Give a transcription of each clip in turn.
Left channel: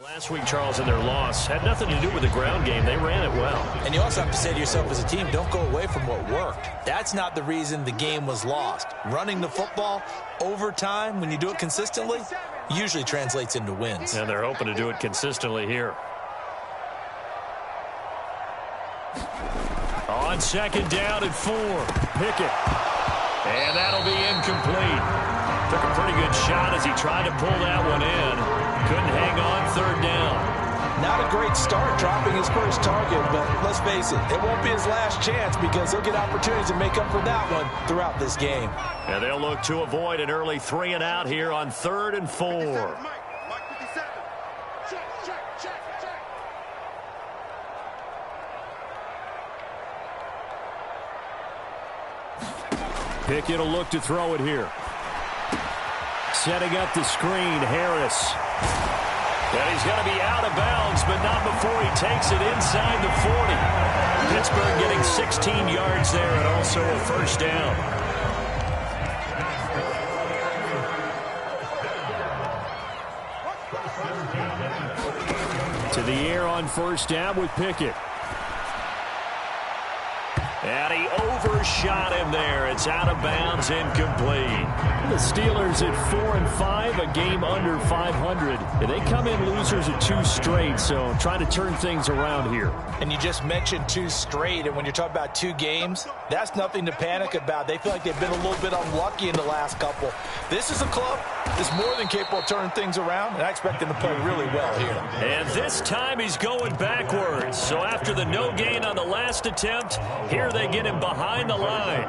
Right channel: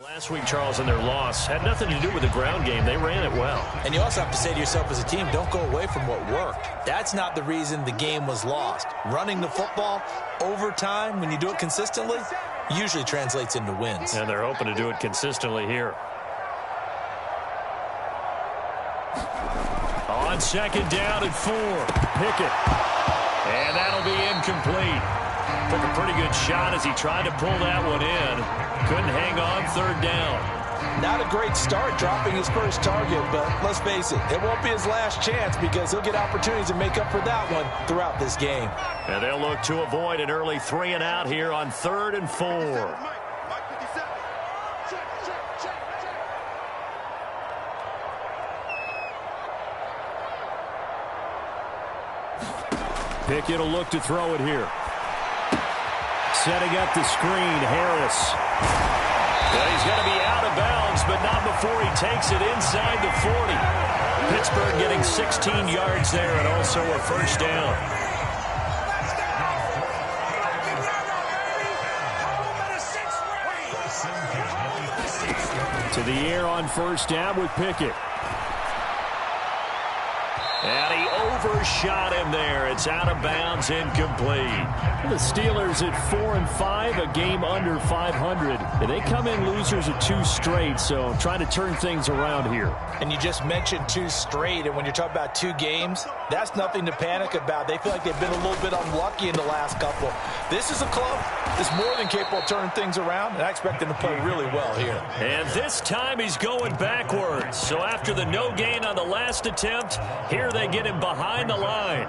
Last week, Charles, in their loss, had nothing to do with the ground game. They ran it well. And you also have to say to yourself as a team, don't go away from what worked. That's not the reason the game was lost. Running the football over time, when you do it consistently, usually translates into wins. And they're hoping to do it consistently here. On second down and 4, Pickett. And that'll be incomplete. Took a pretty good shot as he tried to pull that one in. Couldn't hang on, third down. Not a great start dropping his first target, but let's face it, it won't be his last chance because he'll get opportunities to make up for that one throughout this game. And they'll look to avoid an early 3 and out here on 3rd and 4. Pickett will look to throw it here. Setting up the screen, Harris. And he's going to be out of bounds, but not before he takes it inside the 40. Pittsburgh getting 16 yards there and also a first down. To the air on first down with Pickett. And he overshot him there. It's out of bounds, incomplete. The Steelers at 4-5, a game under 500. And they come in losers at 2 straight, so trying to turn things around here. And you just mentioned 2 straight, and when you're talking about 2 games, that's nothing to panic about. They feel like they've been a little bit unlucky in the last couple. This is a club that's more than capable of turning things around, and I expect them to play really well here. And this time he's going backwards. So after the no gain on the last attempt, here they get him behind the line.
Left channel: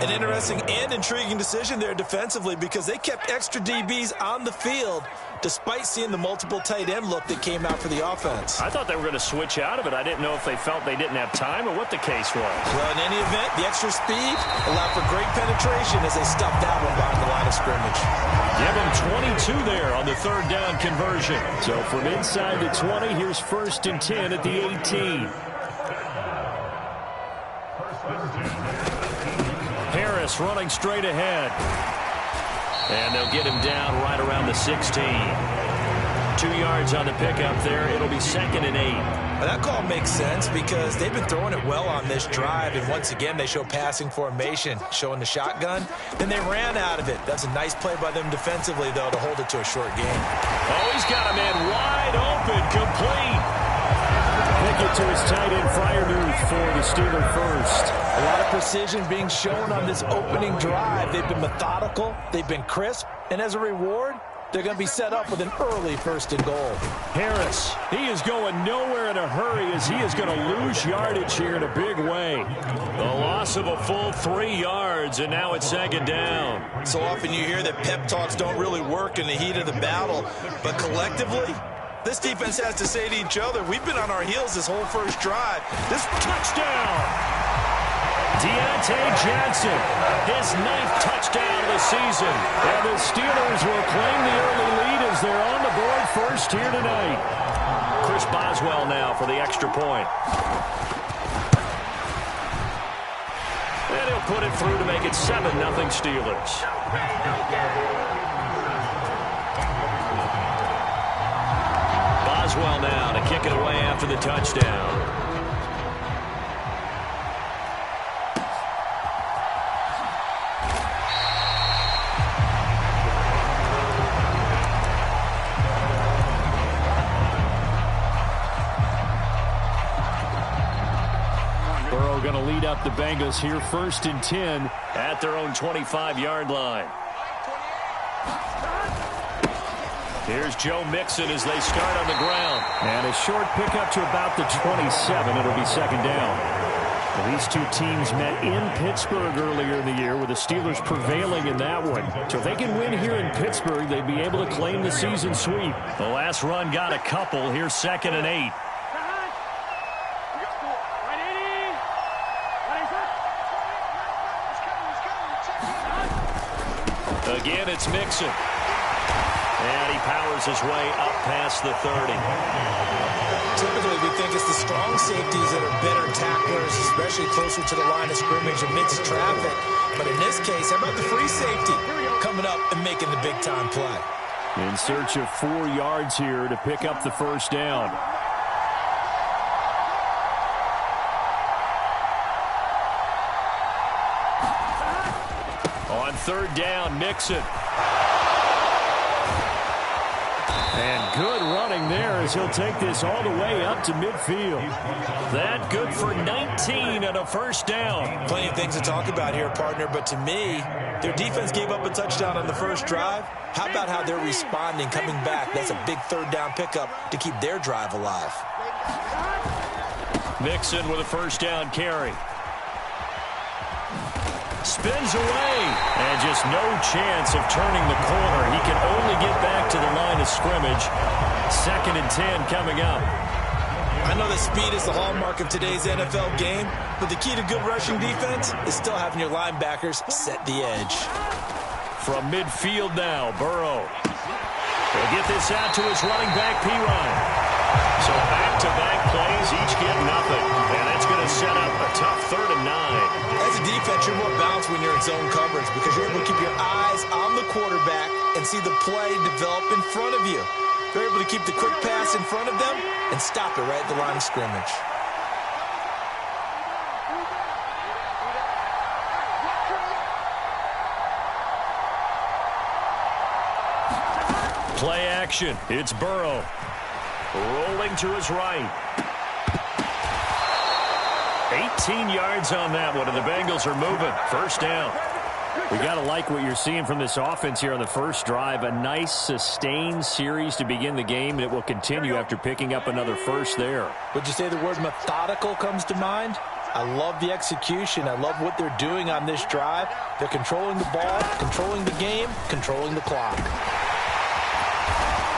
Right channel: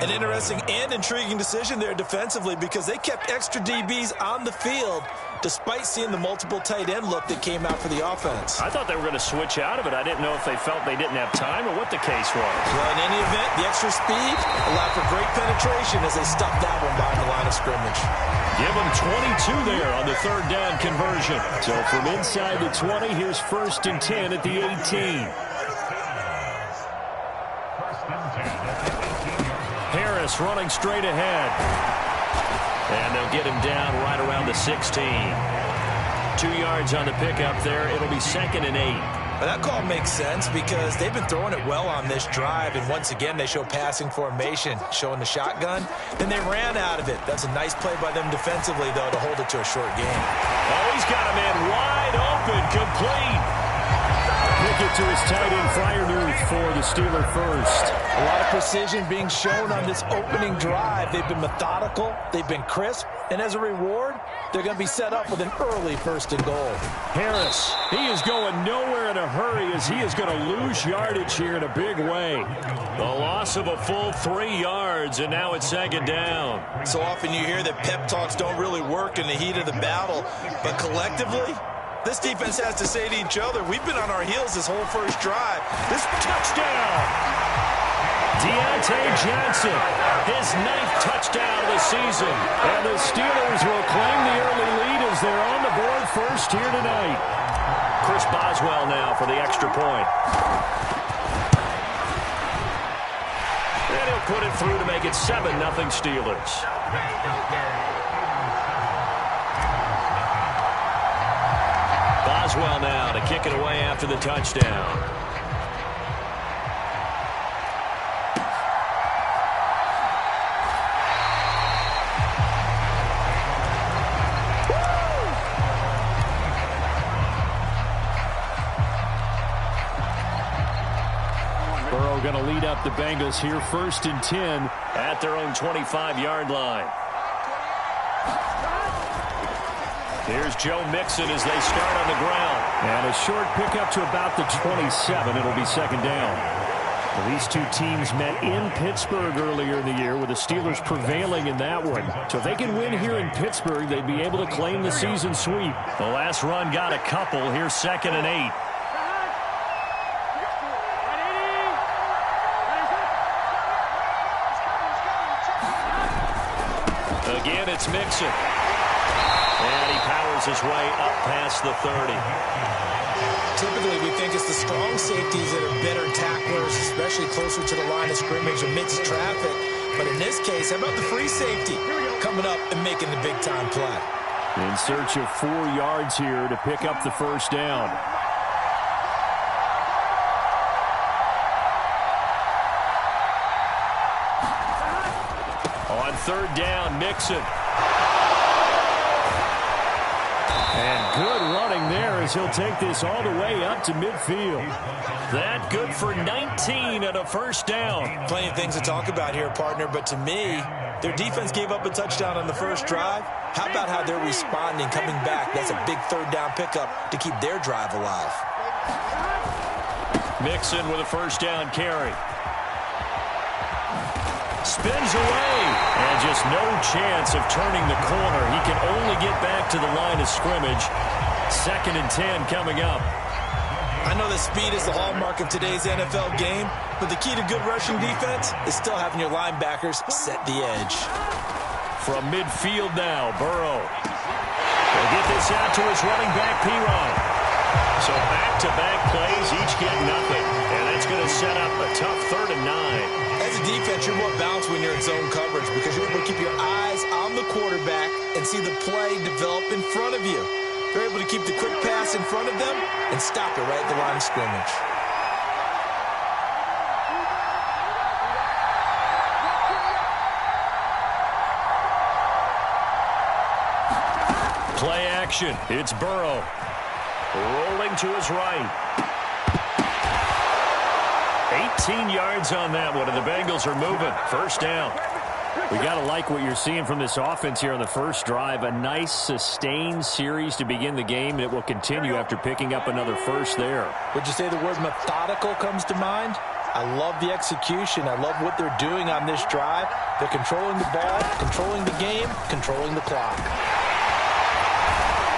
An interesting and intriguing decision there defensively because they kept extra DBs on the field despite seeing the multiple tight end look that came out for the offense. I thought they were going to switch out of it. I didn't know if they felt they didn't have time or what the case was. Well, in any event, the extra speed allowed for great penetration as they stuffed that one behind the line of scrimmage. Give them 22 there on the 3rd down conversion. So from inside the 20, here's 1st and 10 at the 18. Harris running straight ahead. And they'll get him down right around the 16. 2 yards on the pickup there. It'll be 2nd and 8. Well, that call makes sense because they've been throwing it well on this drive, and once again they show passing formation, showing the shotgun. Then they ran out of it. That's a nice play by them defensively, though, to hold it to a short game. Oh, he's got a man wide open, complete. Pickett to his tight end, Freiermuth, for the Steeler first. A lot of precision being shown on this opening drive. They've been methodical, they've been crisp, and as a reward, they're going to be set up with an early 1st and goal. Harris, he is going nowhere in a hurry as he is going to lose yardage here in a big way. The loss of a full 3 yards, and now it's 2nd down. So often you hear that pep talks don't really work in the heat of the battle, but collectively, this defense has to say to each other, we've been on our heels this whole first drive. This touchdown! Deontay Johnson, his 9th touchdown of the season. And the Steelers will claim the early lead as they're on the board first here tonight. Chris Boswell now for the extra point. And he'll put it through to make it 7-0 Steelers. Boswell now to kick it away after the touchdown. Burrow going to lead up the Bengals here 1st and 10 at their own 25-yard line. Here's Joe Mixon as they start on the ground. And a short pickup to about the 27. It'll be 2nd down. Well, these 2 teams met in Pittsburgh earlier in the year with the Steelers prevailing in that one. So if they can win here in Pittsburgh, they'd be able to claim the season sweep. The last run got a couple. Here's 2nd and 8. Again, it's Mixon. And he powers his way up past the 30. Typically, we think it's the strong safeties that are better tacklers, especially closer to the line of scrimmage amidst traffic. But in this case, how about the free safety coming up and making the big-time play? In search of 4 yards here to pick up the first down. On third down, Mixon. And good running there as he'll take this all the way up to midfield. That good for 19 and a first down. Plenty of things to talk about here, partner, but to me, their defense gave up a touchdown on the first drive. How about how they're responding, coming back? That's a big third down pickup to keep their drive alive. Mixon with a first down carry. Spins away, and just no chance of turning the corner. He can only get back to the line of scrimmage. 2nd and 10 coming up. I know that speed is the hallmark of today's NFL game, but the key to good rushing defense is still having your linebackers set the edge. From midfield now, Burrow. He'll get this out to his running back, Pirine. So back-to-back plays, each get nothing. And that's going to set up a tough 3rd and 9. As a defense, you're more balanced when you're in zone coverage because you're able to keep your eyes on the quarterback and see the play develop in front of you. They're able to keep the quick pass in front of them and stop it right at the line of scrimmage. Play action. It's Burrow. Rolling to his right. 18 yards on that one, and the Bengals are moving. First down. We got to like what you're seeing from this offense here on the first drive. A nice, sustained series to begin the game, and it will continue after picking up another first there. Would you say the word methodical comes to mind? I love the execution. I love what they're doing on this drive. They're controlling the ball, controlling the game, controlling the clock.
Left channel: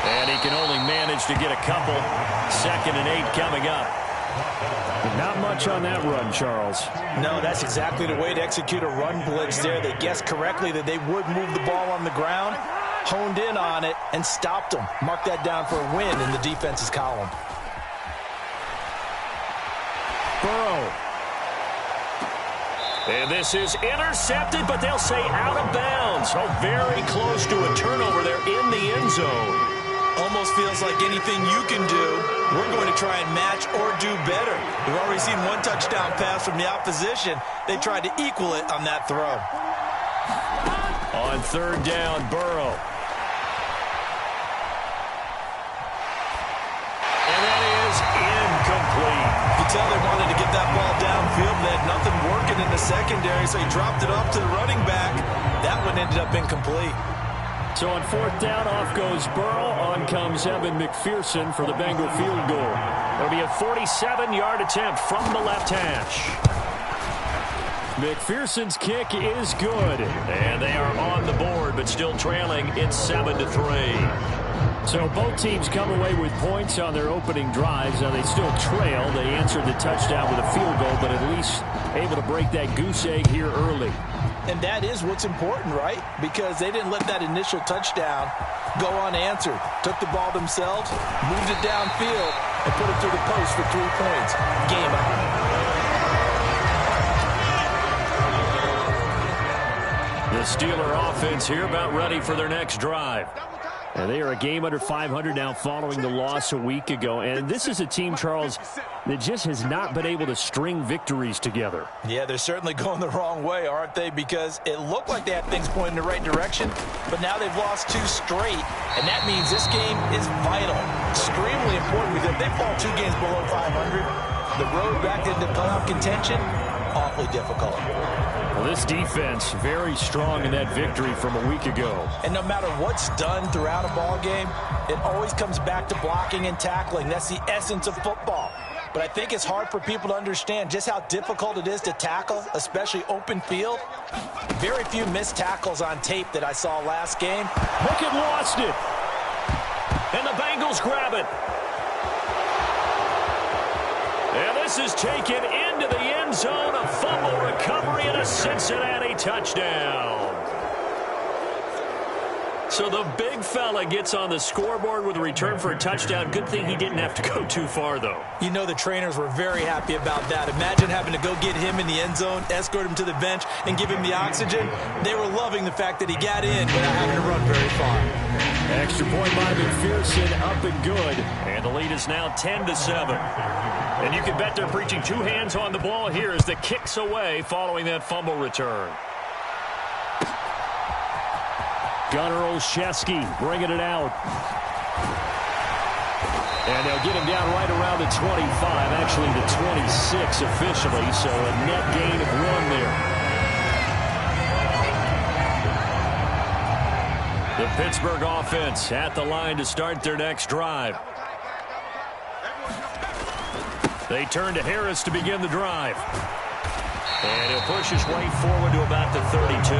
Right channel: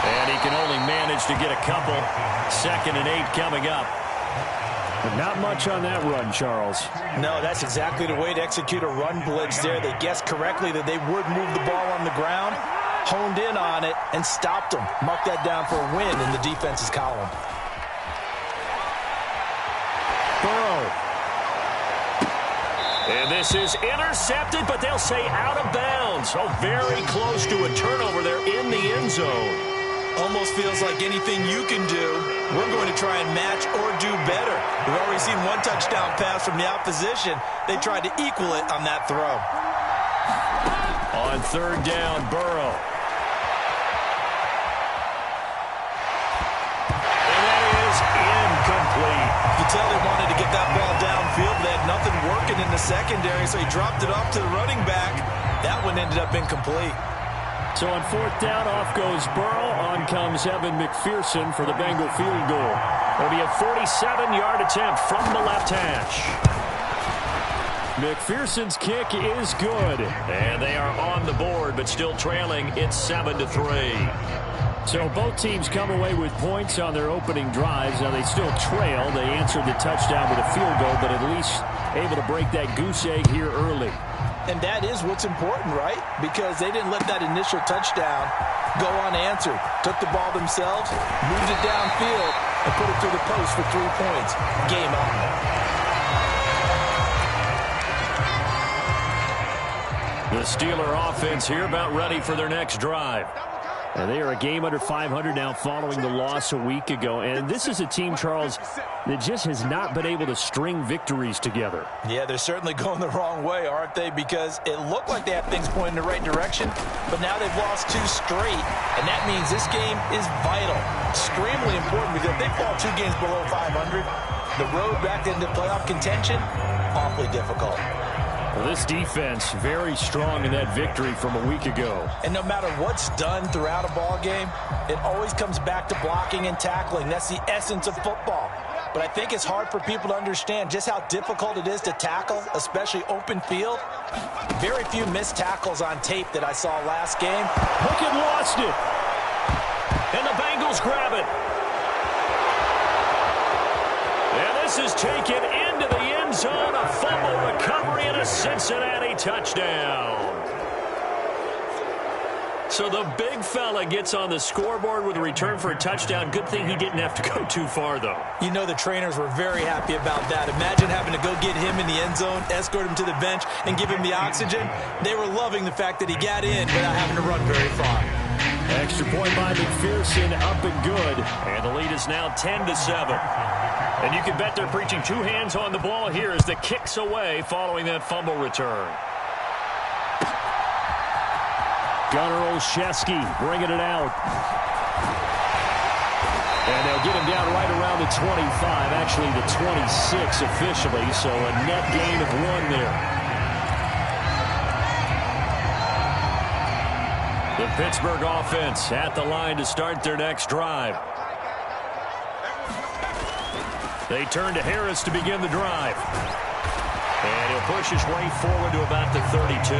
And he can only manage to get a couple. 2nd and 8 coming up. But not much on that run, Charles. No, that's exactly the way to execute a run blitz there. They guessed correctly that they would move the ball on the ground, honed in on it, and stopped them. Mark that down for a win in the defense's column. Burrow. And this is intercepted, but they'll say out of bounds. Oh, very close to a turnover there in the end zone. Almost feels like anything you can do, we're going to try and match or do better. We've already seen one touchdown pass from the opposition. They tried to equal it on that throw. On third down, Burrow. And that is incomplete. You can tell they wanted to get that ball downfield. They had nothing working in the secondary, so he dropped it off to the running back. That one ended up incomplete. So on 4th down, off goes Burrow. On comes Evan McPherson for the Bengal field goal. It'll be a 47-yard attempt from the left hash. McPherson's kick is good. And they are on the board, but still trailing. It's 7-3. So both teams come away with points on their opening drives. Now they still trail. They answered the touchdown with a field goal, but at least able to break that goose egg here early. And that is what's important, right? Because they didn't let that initial touchdown go unanswered. Took the ball themselves, moved it downfield, and put it through the post for 3 points. Game on. The Steeler offense here about ready for their next drive. And they are a game under 500 now following the loss a week ago. And this is a team, Charles, that just has not been able to string victories together. Yeah, they're certainly going the wrong way, aren't they? Because it looked like they had things pointing in the right direction, but now they've lost 2 straight. And that means this game is vital, extremely important, because if they fall 2 games below 500, the road back into playoff contention, awfully difficult. Well, this defense very strong in that victory from a week ago. And no matter what's done throughout a ball game, it always comes back to blocking and tackling. That's the essence of football. But I think it's hard for people to understand just how difficult it is to tackle, especially open field. Very few missed tackles on tape that I saw last game. Pickett lost it. And the Bengals grab it. And this is taken into the end zone. A fumble recovery and a Cincinnati touchdown. So the big fella gets on the scoreboard with a return for a touchdown. Good thing he didn't have to go too far, though. You know the trainers were very happy about that. Imagine having to go get him in the end zone, escort him to the bench, and give him the oxygen. They were loving the fact that he got in without having to run very far. Extra point by McPherson, up and good. And the lead is now 10-7. And you can bet they're preaching two hands on the ball here as the kick's away following that fumble return. Gunnar Olszewski bringing it out. And they'll get him down right around the 25, actually the 26 officially, so a net gain of 1 there. The Pittsburgh offense at the line to start their next drive. They turn to Harris to begin the drive. And he'll push his way forward to about the 32.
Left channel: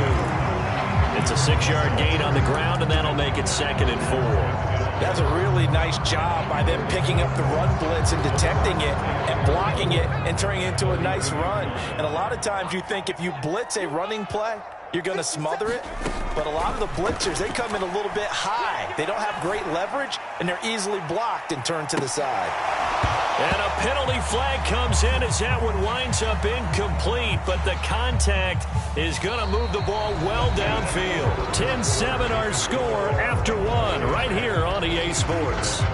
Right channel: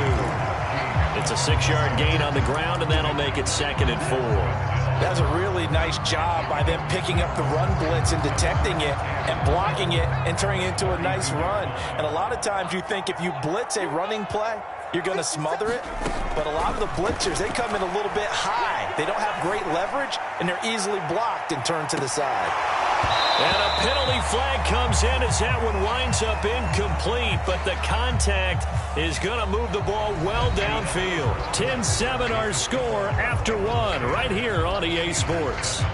It's a 6-yard gain on the ground, and that'll make it 2nd and 4. That's a really nice job by them picking up the run blitz and detecting it and blocking it and turning it into a nice run. And a lot of times you think if you blitz a running play, you're going to smother it. But a lot of the blitzers, they come in a little bit high. They don't have great leverage, and they're easily blocked and turned to the side. And a penalty flag comes in as that one winds up incomplete, but the contact is going to move the ball well downfield. 10-7 our score after 1 right here on EA Sports.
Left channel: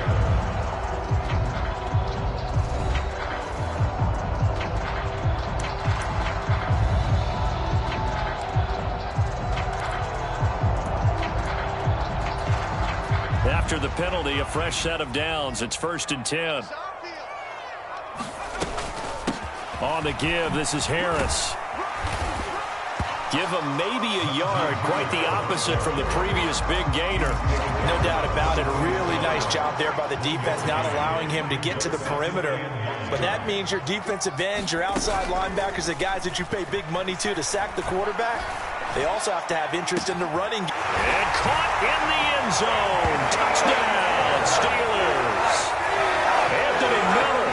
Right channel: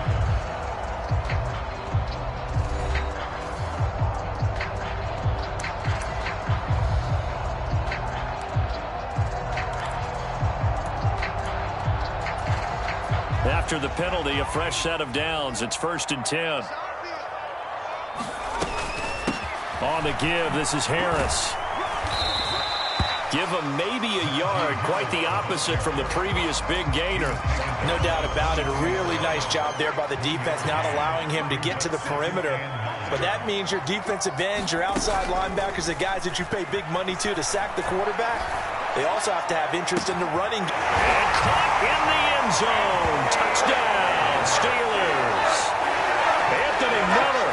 After the penalty, a fresh set of downs. It's 1st and 10. On the give, this is Harris. Give him maybe a yard, quite the opposite from the previous big gainer. No doubt about it. A really nice job there by the defense, not allowing him to get to the perimeter. But that means your defensive ends, your outside linebackers, the guys that you pay big money to sack the quarterback, they also have to have interest in the running. And caught in the end zone. Touchdown, Steelers. Anthony Miller,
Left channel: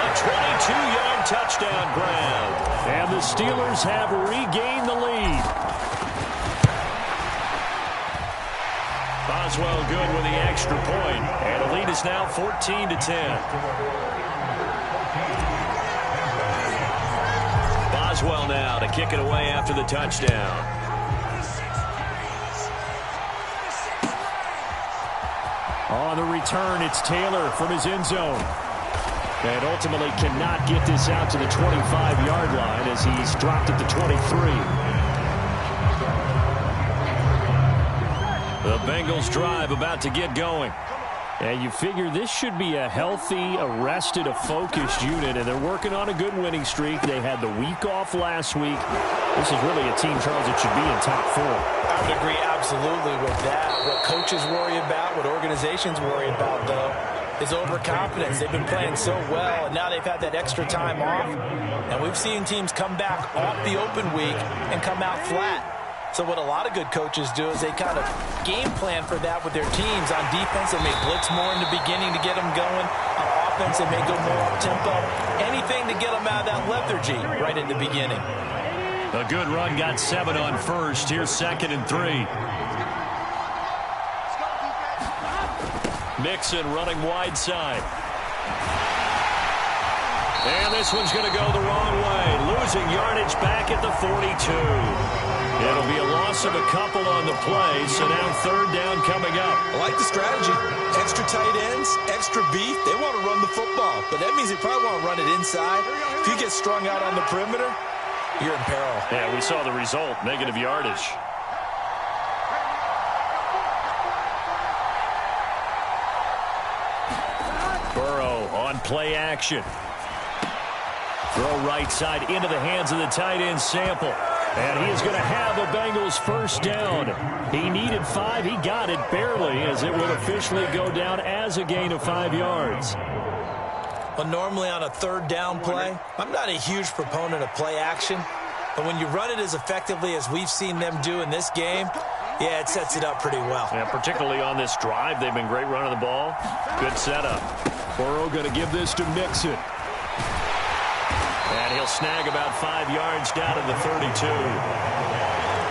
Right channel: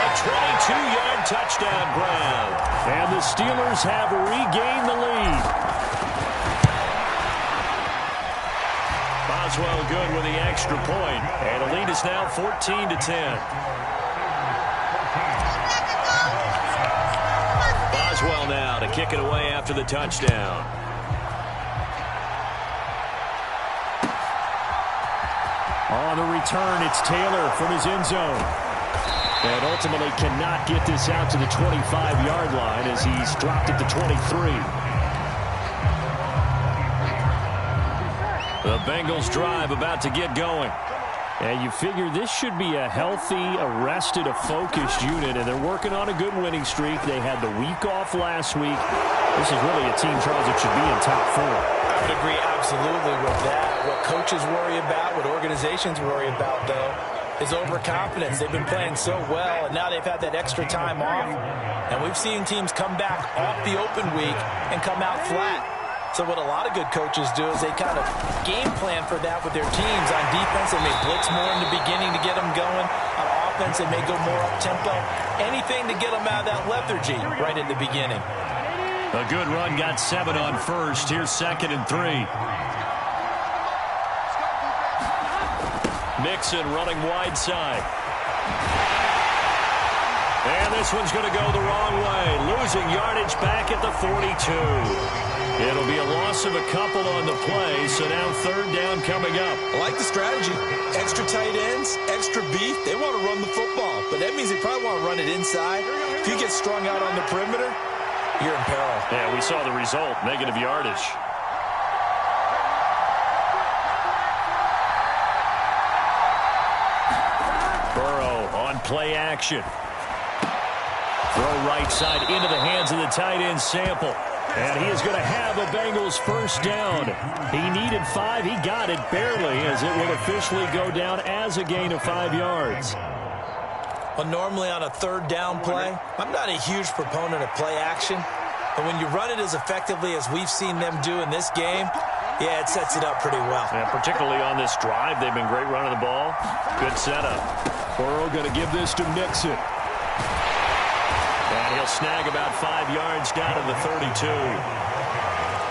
a 22-yard touchdown grab. And the Steelers have regained the lead. Boswell good with the extra point. And the lead is now 14-10. Boswell now to kick it away after the touchdown. On the return, it's Taylor from his end zone. And ultimately cannot get this out to the 25-yard line as he's dropped it to 23. The Bengals drive about to get going. And you figure this should be a healthy, arrested, a focused unit, and they're working on a good winning streak. They had the week off last week. This is really a team, Charles, that should be in top 4. I would agree absolutely with that. What coaches worry about, what organizations worry about, though, is overconfidence. They've been playing so well, and now they've had that extra time off. And we've seen teams come back off the open week and come out flat. So what a lot of good coaches do is they kind of game plan for that with their teams. On defense, they may blitz more in the beginning to get them going. On offense, they may go more up-tempo. Anything to get them out of that lethargy right in the beginning. A good run, got 7 on first. Here's 2nd and 3. Mixon running wide side. And this one's going to go the wrong way. Losing yardage back at the 42. It'll be a loss of a couple on the play, so now 3rd down coming up. I like the strategy. Extra tight ends, extra beef. They want to run the football, but that means they probably want to run it inside. If you get strung out on the perimeter, you're in peril. Yeah, we saw the result, negative yardage. Burrow on play action. Throw right side into the hands of the tight end Sample. And he is going to have a Bengals 1st down. He needed 5. He got it barely, as it will officially go down as a gain of 5 yards. Well, normally on a 3rd down play, I'm not a huge proponent of play action. But when you run it as effectively as we've seen them do in this game, yeah, it sets it up pretty well. Yeah, particularly on this drive, they've been great running the ball. Good setup. Burrow going to give this to Mixon. And he'll snag about 5 yards down to the 32.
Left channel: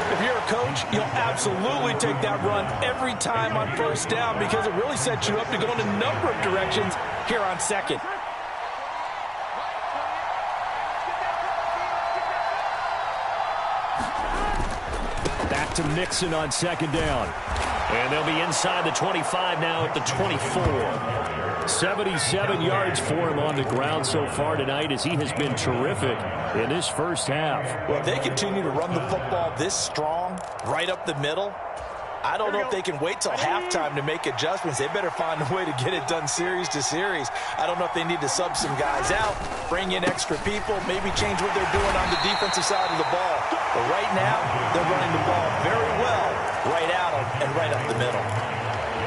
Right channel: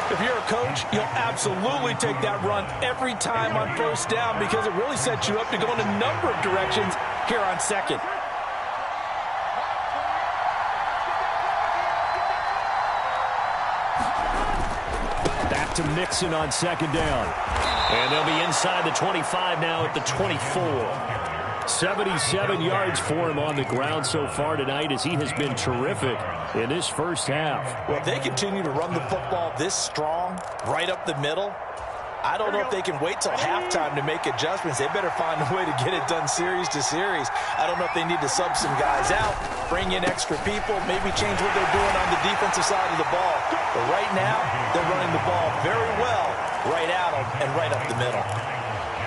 If you're a coach, you'll absolutely take that run every time on first down because it really sets you up to go in a number of directions here on second. Back to Mixon on second down. And they'll be inside the 25 now at the 24. 77 yards for him on the ground so far tonight as he has been terrific in this first half. Well, if they continue to run the football this strong, right up the middle, I don't know if they can wait till halftime to make adjustments. They better find a way to get it done series to series. I don't know if they need to sub some guys out, bring in extra people, maybe change what they're doing on the defensive side of the ball. But right now, they're running the ball very well right at them and right up the middle.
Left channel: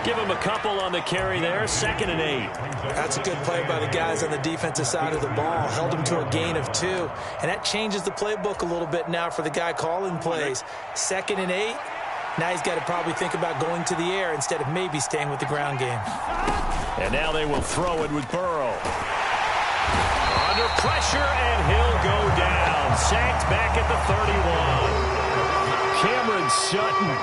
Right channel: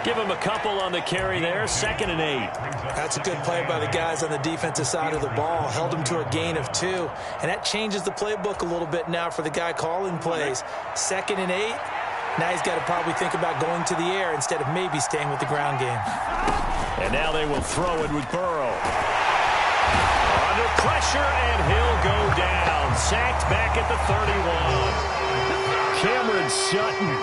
Give him a couple on the carry there, 2nd and 8. That's a good play by the guys on the defensive side of the ball. Held him to a gain of 2. And that changes the playbook a little bit now for the guy calling plays. 2nd and 8. Now he's got to probably think about going to the air instead of maybe staying with the ground game. And now they will throw it with Burrow. Under pressure, and he'll go down. Sacked back at the 31. Cameron Sutton,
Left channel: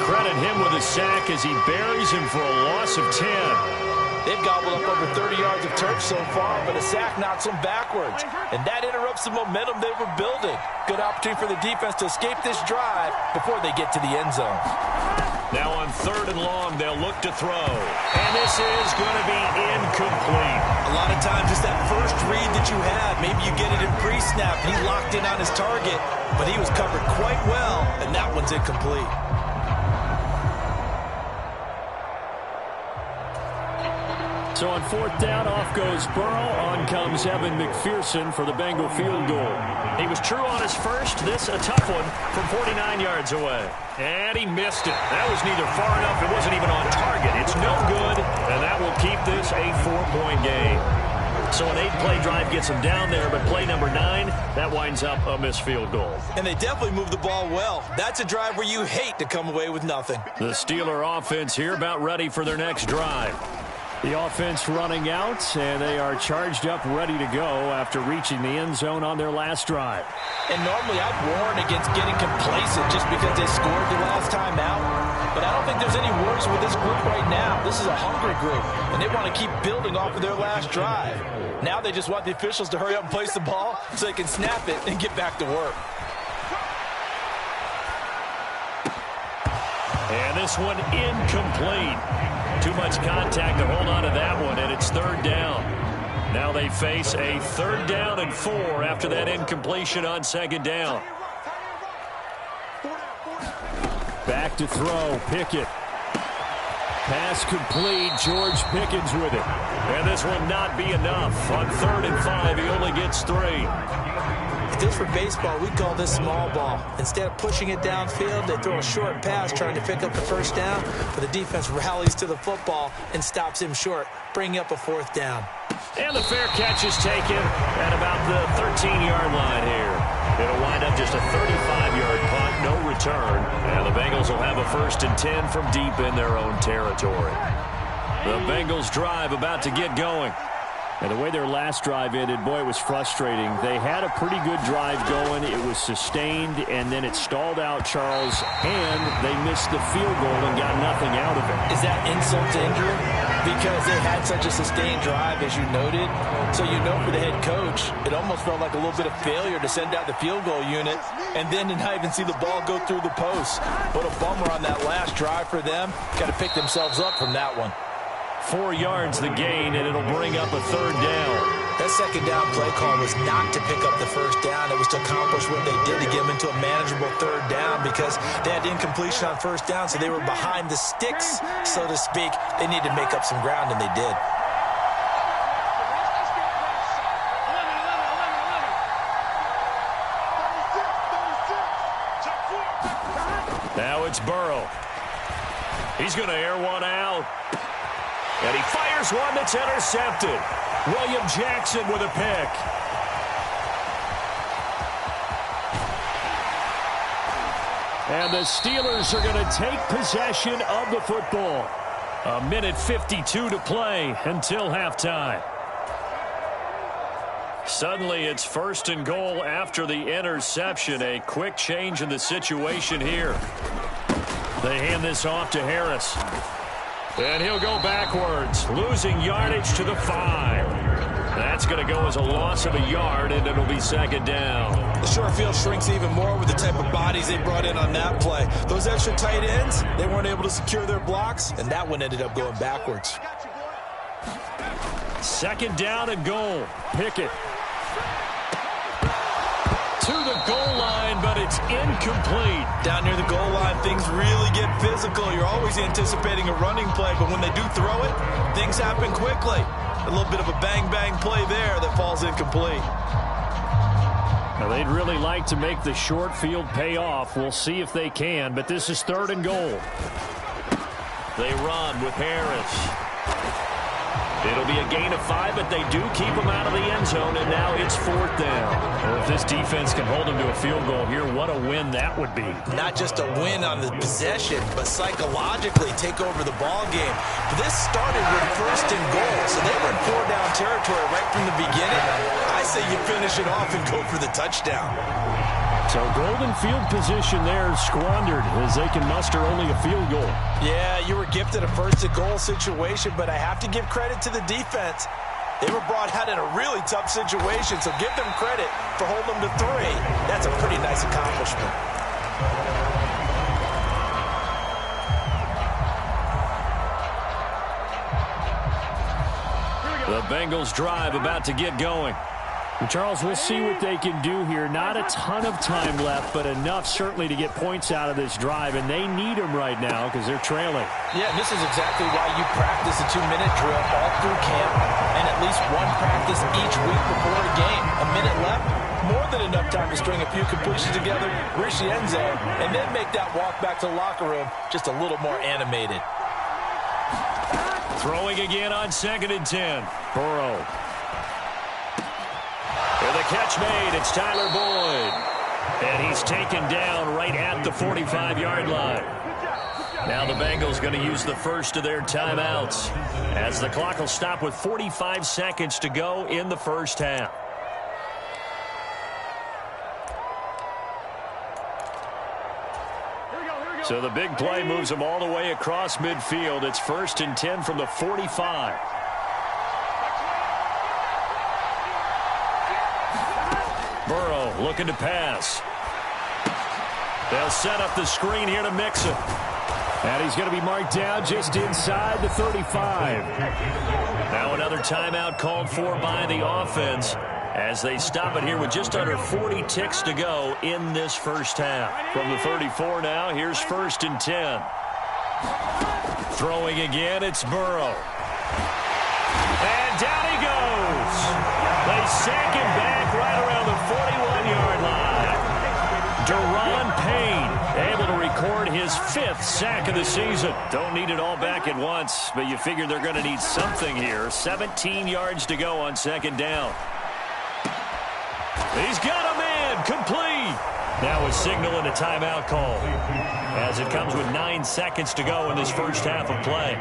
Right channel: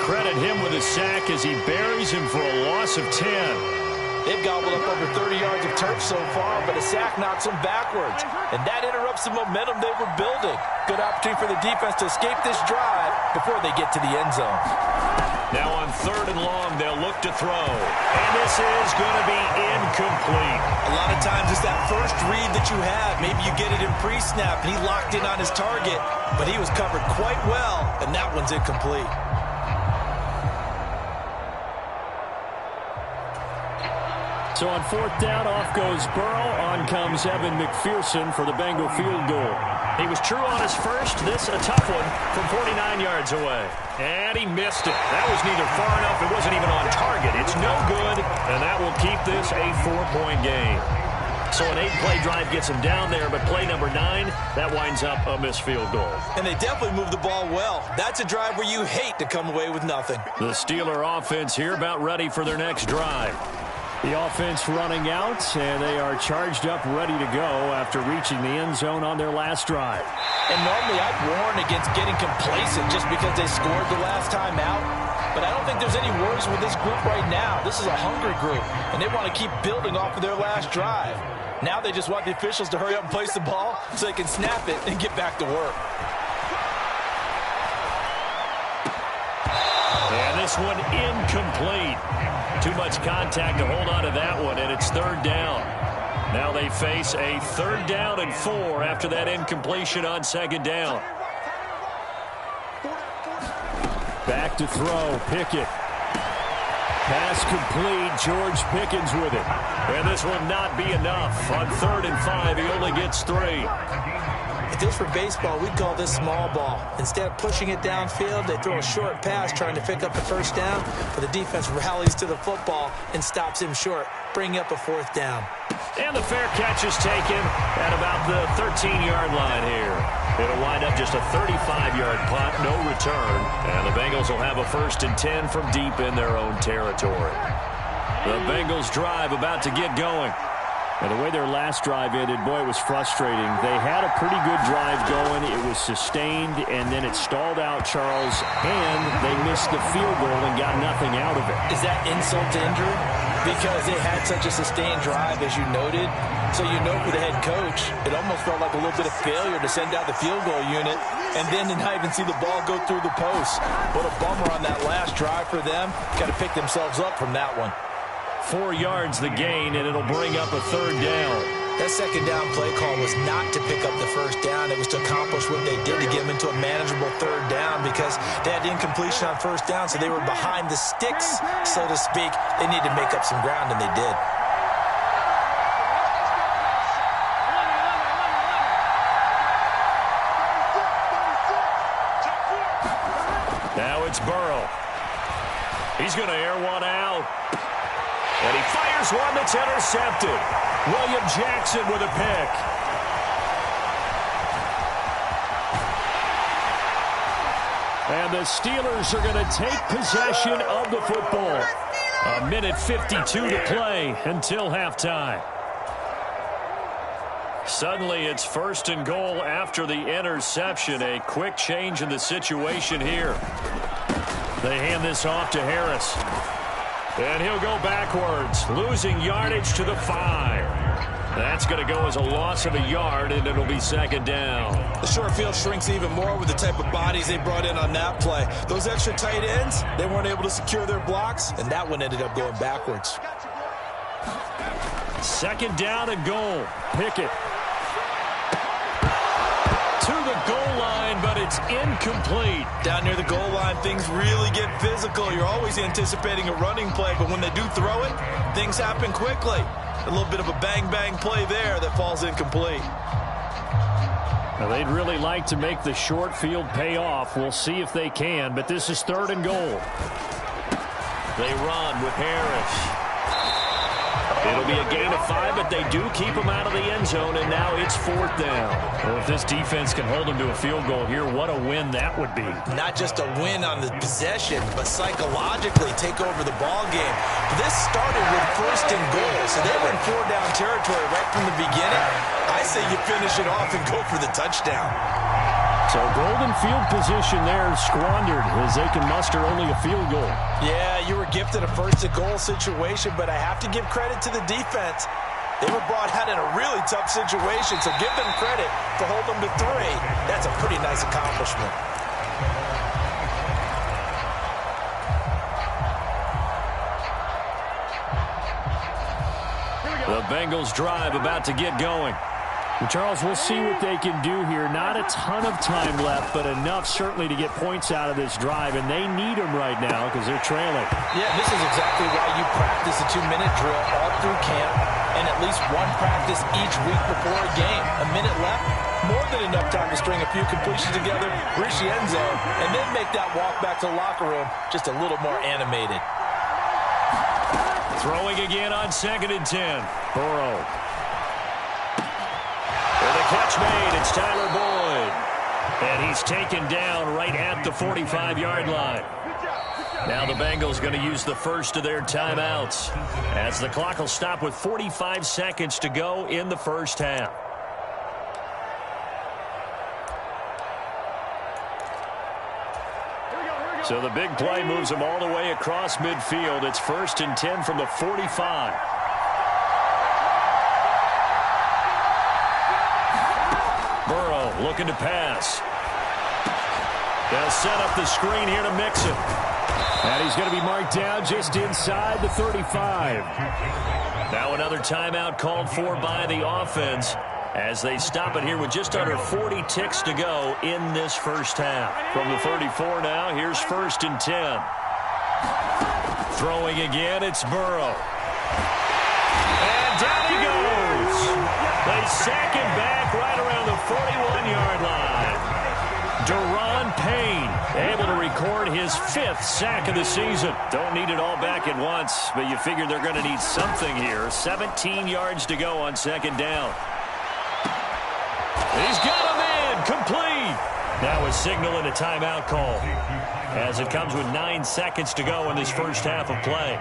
credit him with a sack as he buries him for a loss of 10. They've gobbled up over 30 yards of turf so far, but a sack knocks them backwards. And that interrupts the momentum they were building. Good opportunity for the defense to escape this drive before they get to the end zone. Now on 3rd and long, they'll look to throw. And this is going to be incomplete. A lot of times it's that first read that you have. Maybe you get it in pre-snap, and he locked in on his target, but he was covered quite well, and that one's incomplete. So on 4th down, off goes Burrow. On comes Evan McPherson for the Bengal field goal. He was true on his first. This a tough one from 49 yards away. And he missed it. That was neither far enough. It wasn't even on target. It's no good, and that will keep this a 4-point game. So an 8-play drive gets him down there, but play number 9, that winds up a missed field goal. And they definitely moved the ball well. That's a drive where you hate to come away with nothing. The Steeler offense here about ready for their next drive. The offense running out, and they are charged up, ready to go after reaching the end zone on their last drive. And normally I'd warn against getting complacent just because they scored the last time out. But I don't think there's any worries with this group right now. This is a hungry group, and they want to keep building off of their last drive. Now they just want the officials to hurry up and place the ball so they can snap it and get back to work. And this one incomplete. Too much contact to hold on to that one, and it's 3rd down. Now they face a 3rd down and 4 after that incompletion on 2nd down. Back to throw, Pickett. Pass complete, George Pickens with it. And this will not be enough. On 3rd and 5, he only gets 3. If this were baseball, we'd call this small ball. Instead of pushing it downfield, they throw a short pass trying to pick up the first down, but the defense rallies to the football and stops him short, bringing up a 4th down. And the fair catch is taken at about the 13-yard line here. It'll wind up just a 35-yard punt, no return, and the Bengals will have a 1st and 10 from deep in their own territory. The Bengals drive about to get going. And the way their last drive ended, boy, it was frustrating. They had a pretty good drive going. It was sustained, and then it stalled out, Charles, and they missed the field goal and got nothing out of it. Is that insult to injury? Because they had such a sustained drive, as you noted. So you know for the head coach, it almost felt like a little bit of failure to send out the field goal unit and then to not even see the ball go through the post. What a bummer on that last drive for them. Got to pick themselves up from that one. 4 yards the gain, and it'll bring up a 3rd down. That 2nd down play call was not to pick up the 1st down. It was to accomplish what they did to get them into a manageable 3rd down because they had incompletion on 1st down, so they were behind the sticks, so to speak. They needed to make up some ground, and they did. Now it's Burrow. He's going to air one out. And he fires one that's intercepted. William Jackson with a pick. And the Steelers are going to take possession of the football. 1:52 to play until halftime. Suddenly it's 1st and goal after the interception. A quick change in the situation here. They hand this off to Harris. And he'll go backwards, losing yardage to the 5. That's going to go as a loss of a yard, and it'll be 2nd down. The short field shrinks even more with the type of bodies they brought in on that play. Those extra tight ends, they weren't able to secure their blocks, and that one ended up going backwards. 2nd down and goal. Pickett to the goal line, but it's incomplete. Down near the goal line, things really get physical. You're always anticipating a running play, but when they do throw it, things happen quickly. A little bit of a bang-bang play there that falls incomplete. Now, they'd really like to make the short field pay off. We'll see if they can, but this is 3rd and goal. They run with Harris. It'll be a gain of 5, but they do keep him out of the end zone, and now it's 4th down. Well, if this defense can hold them to a field goal here, what a win that would be. Not just a win on the possession, but psychologically take over the ball game. But this started with 1st and goal, so they were in 4-down territory right from the beginning. I say you finish it off and go for the touchdown. So golden field position there squandered as they can muster only a field goal. Yeah, you were gifted a 1st and goal situation, but I have to give credit to the defense. They were brought out in a really tough situation, so give them credit for holding them to 3. That's a pretty nice accomplishment. The Bengals drive about to get going. Charles, we'll see what they can do here. Not a ton of time left, but enough certainly to get points out of this drive, and they need them right now because they're trailing. Yeah, this is exactly why you practice a 2-minute drill all through camp and at least one practice each week before a game. A minute left, more than enough time to string a few completions together, reach the end zone, and then make that walk back to the locker room just a little more animated. Throwing again on 2nd and 10. Burrow. With a catch made, it's Tyler Boyd. And he's taken down right at the 45-yard line. Now the Bengals going to use the first of their timeouts as the clock will stop with 45 seconds to go in the first half. So the big play moves them all the way across midfield. It's 1st and 10 from the 45. Burrow looking to pass. They'll set up the screen here to Mixon. And he's going to be marked down just inside the 35. Now another timeout called for by the offense as they stop it here with just under 40 ticks to go in this first half. From the 34 now, here's 1st and 10. Throwing again, it's Burrow. And down he goes. They sack him back right around the 41-yard line. Deron Payne able to record his 5th sack of the season. Don't need it all back at once, but you figure they're going to need something here. 17 yards to go on 2nd down. He's got a man complete. Now a signal and a timeout call as it comes with 9 seconds to go in this first half of play.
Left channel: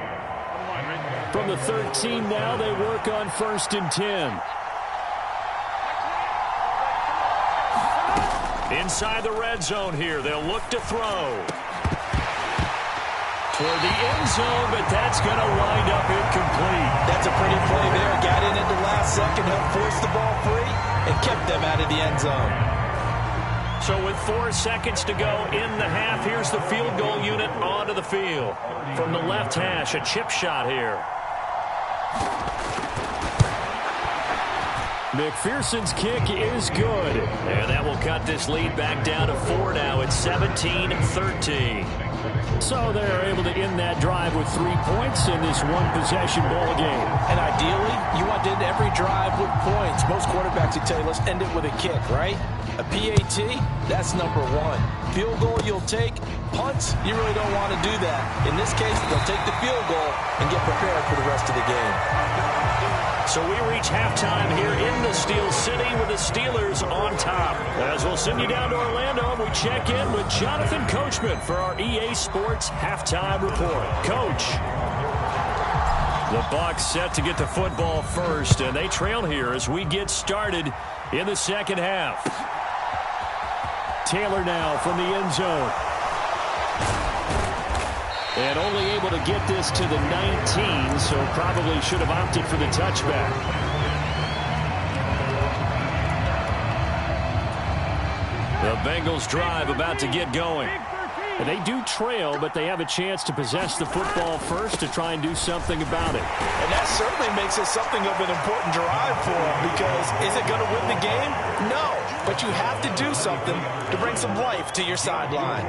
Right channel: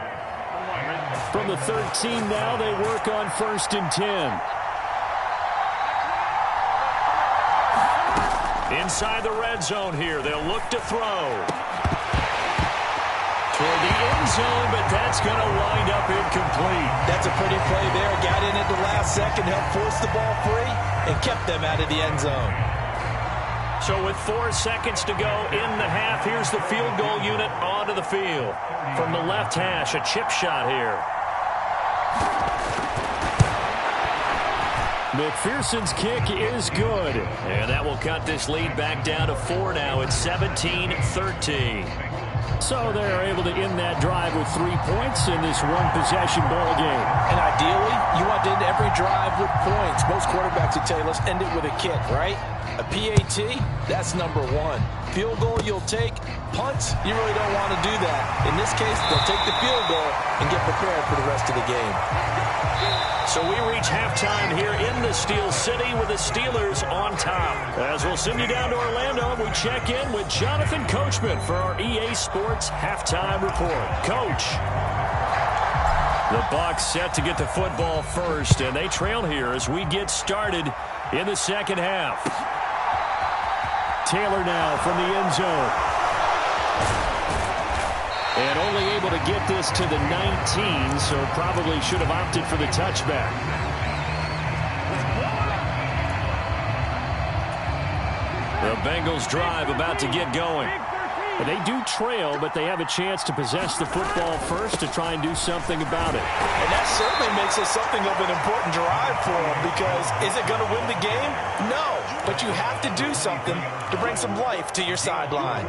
From the 13 now, they work on 1st and 10. Inside the red zone here, they'll look to throw. Toward the end zone, but that's going to wind up incomplete. That's a pretty play there. Got in at the last second, helped force the ball free, and kept them out of the end zone. So with 4 seconds to go in the half, here's the field goal unit onto the field. From the left hash, a chip shot here. McPherson's kick is good. And that will cut this lead back down to 4 now. It's 17-13. So they're able to end that drive with 3 points in this one-possession ball game. And ideally, you want to end every drive with points. Most quarterbacks would tell you, let's end it with a kick, right? A PAT, that's number 1. Field goal you'll take. Punts, you really don't want to do that. In this case, they'll take the field goal and get prepared for the rest of the game. So we reach halftime here in the Steel City with the Steelers on top. As we'll send you down to Orlando, we check in with Jonathan Coachman for our EA Sports Halftime Report. Coach. The Bucs set to get the football first, and they trail here as we get started in the second half. Taylor now from the end zone. And only able to get this to the 19, so probably should have opted for the touchback. The Bengals drive about to get going. And they do trail, but they have a chance to possess the football first to try and do something about it. And that certainly makes it something of an important drive for them, because is it going to win the game? No, but you have to do something to bring some life to your sideline.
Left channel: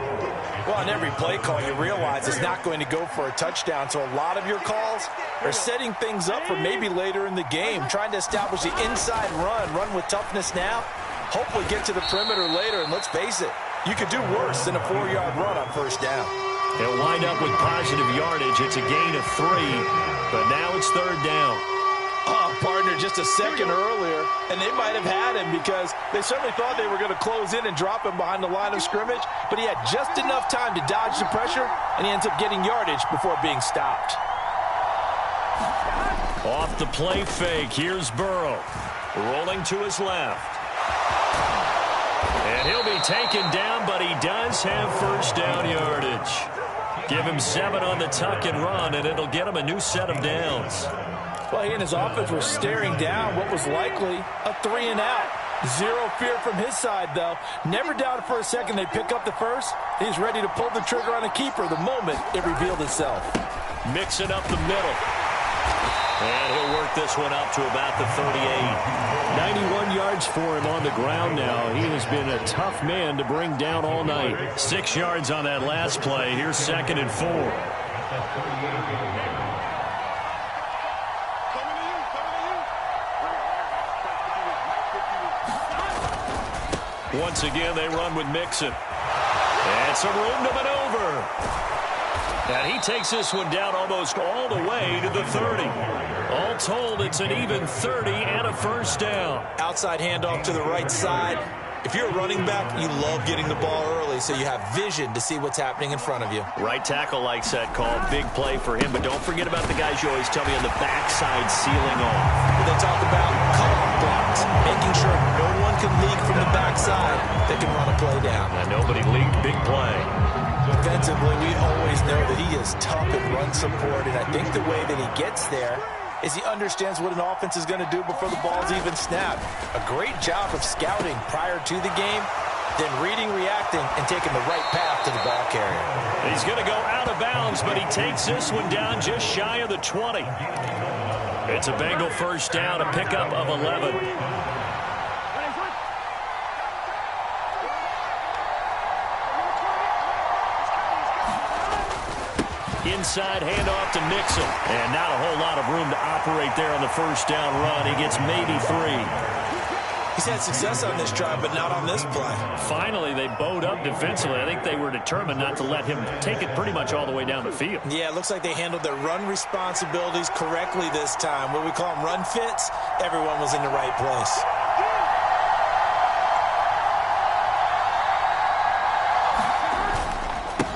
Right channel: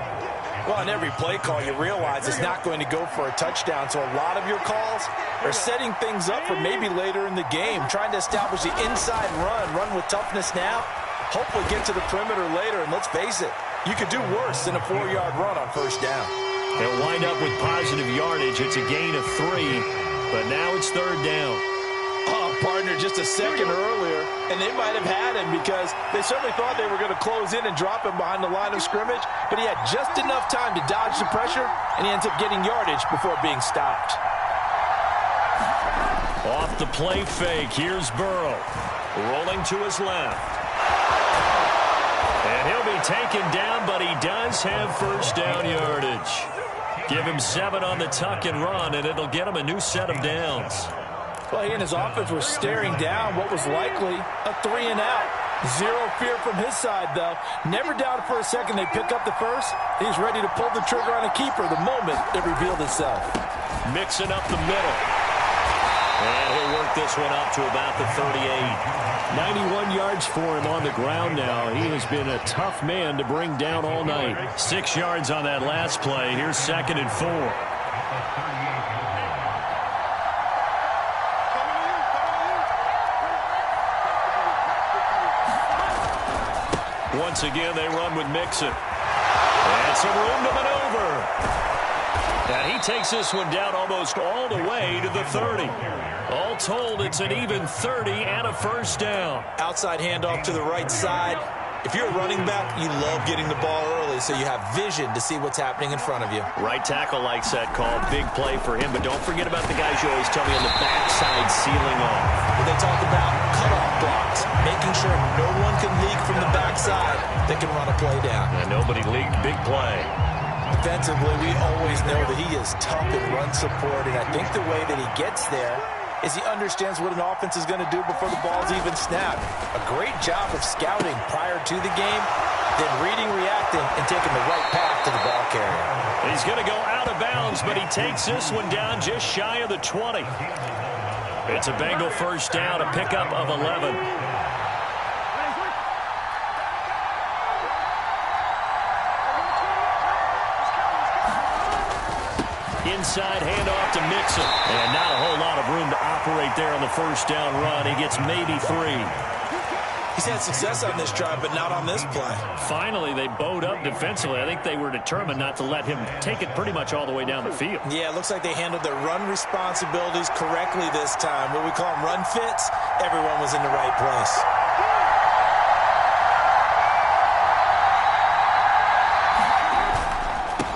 Well, on every play call, you realize it's not going to go for a touchdown, so a lot of your calls are setting things up for maybe later in the game, trying to establish the inside run with toughness now, hopefully get to the perimeter later, and let's face it, you could do worse than a 4-yard run on first down. They'll wind up with positive yardage. It's a gain of 3, but now it's third down. Oh, partner, just a second earlier, and they might have had him because they certainly thought they were going to close in and drop him behind the line of scrimmage, but he had just enough time to dodge the pressure, and he ends up getting yardage before being stopped. Off the play fake, here's Burrow. Rolling to his left. And he'll be taken down, but he does have first down yardage. Give him 7 on the tuck and run, and it'll get him a new set of downs. Well, he and his offense were staring down what was likely a 3-and-out. Zero fear from his side, though. Never doubted for a second they pick up the first. He's ready to pull the trigger on a keeper the moment it revealed itself. Mixing up the middle. And he'll work this one up to about the 38. 91 yards for him on the ground now. He has been a tough man to bring down all night. 6 yards on that last play. Here's 2nd and 4. Once again, they run with Mixon. And some room to maneuver. And he takes this one down almost all the way to the 30. All told, it's an even 30 and a first down. Outside handoff to the right side. If you're a running back, you love getting the ball early so you have vision to see what's happening in front of you. Right tackle likes that call. Big play for him. But don't forget about the guys you always tell me on the backside sealing off. Well, they talk about cutoff blocks, making sure no one can leak from the backside that can run a play down. And nobody leaked. Big play. Defensively, we always know that he is tough in run support, and I think the way that he gets there is he understands what an offense is going to do before the ball's even snapped. A great job of scouting prior to the game, then reading, reacting, and taking the right path to the ball carrier. He's going to go out of bounds, but he takes this one down just shy of the 20. It's a Bengal first down, a pickup of 11. Inside handoff to Mixon. And not a whole lot of room to operate there on the first down run. He gets maybe 3. He's had success on this drive, but not on this play. Finally, they bowed up defensively. I think they were determined not to let him take it pretty much all the way down the field. Yeah, it looks like they handled their run responsibilities correctly this time. What we call them run fits, everyone was in the right place.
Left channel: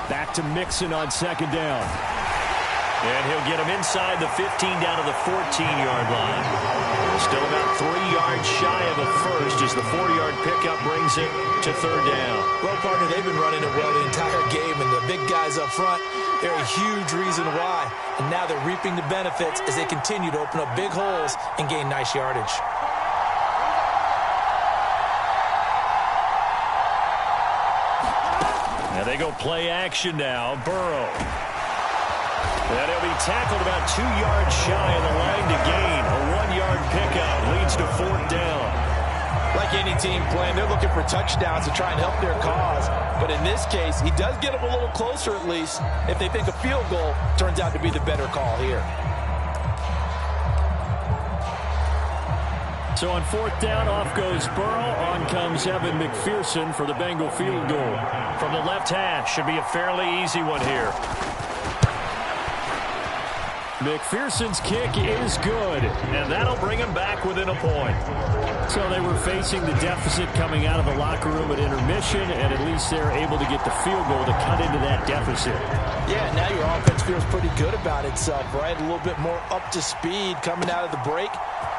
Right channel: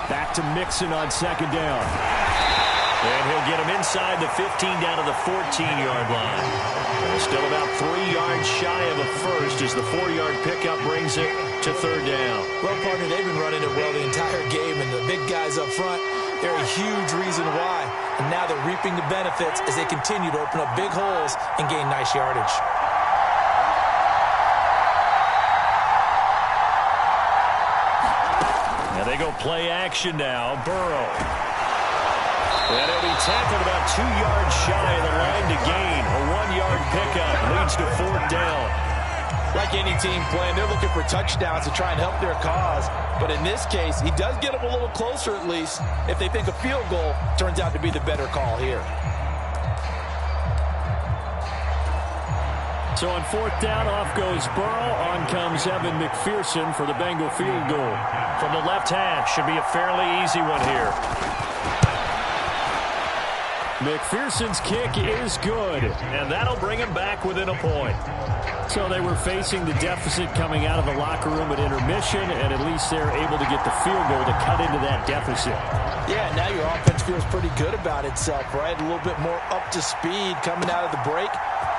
Back to Mixon on 2nd down. And he'll get him inside the 15 down to the 14-yard line. They're still about 3 yards shy of a first as the 4-yard pickup brings it to 3rd down. Well, partner, they've been running it well the entire game, and the big guys up front, they're a huge reason why. And now they're reaping the benefits as they continue to open up big holes and gain nice yardage. And they go play action now. Burrow. And he'll be tackled about 2 yards shy of the line to gain. A 1-yard pickup leads to 4th down. Like any team playing, they're looking for touchdowns to try and help their cause. But in this case, he does get them a little closer at least if they think a field goal turns out to be the better call here. So on 4th down, off goes Burrow. On comes Evan McPherson for the Bengal field goal. From the left hash, should be a fairly easy one here. McPherson's kick is good, and that'll bring him back within a point. So they were facing the deficit coming out of the locker room at intermission, and at least they're able to get the field goal to cut into that deficit. Yeah, now your offense feels pretty good about itself, right? A little bit more up to speed coming out of the break.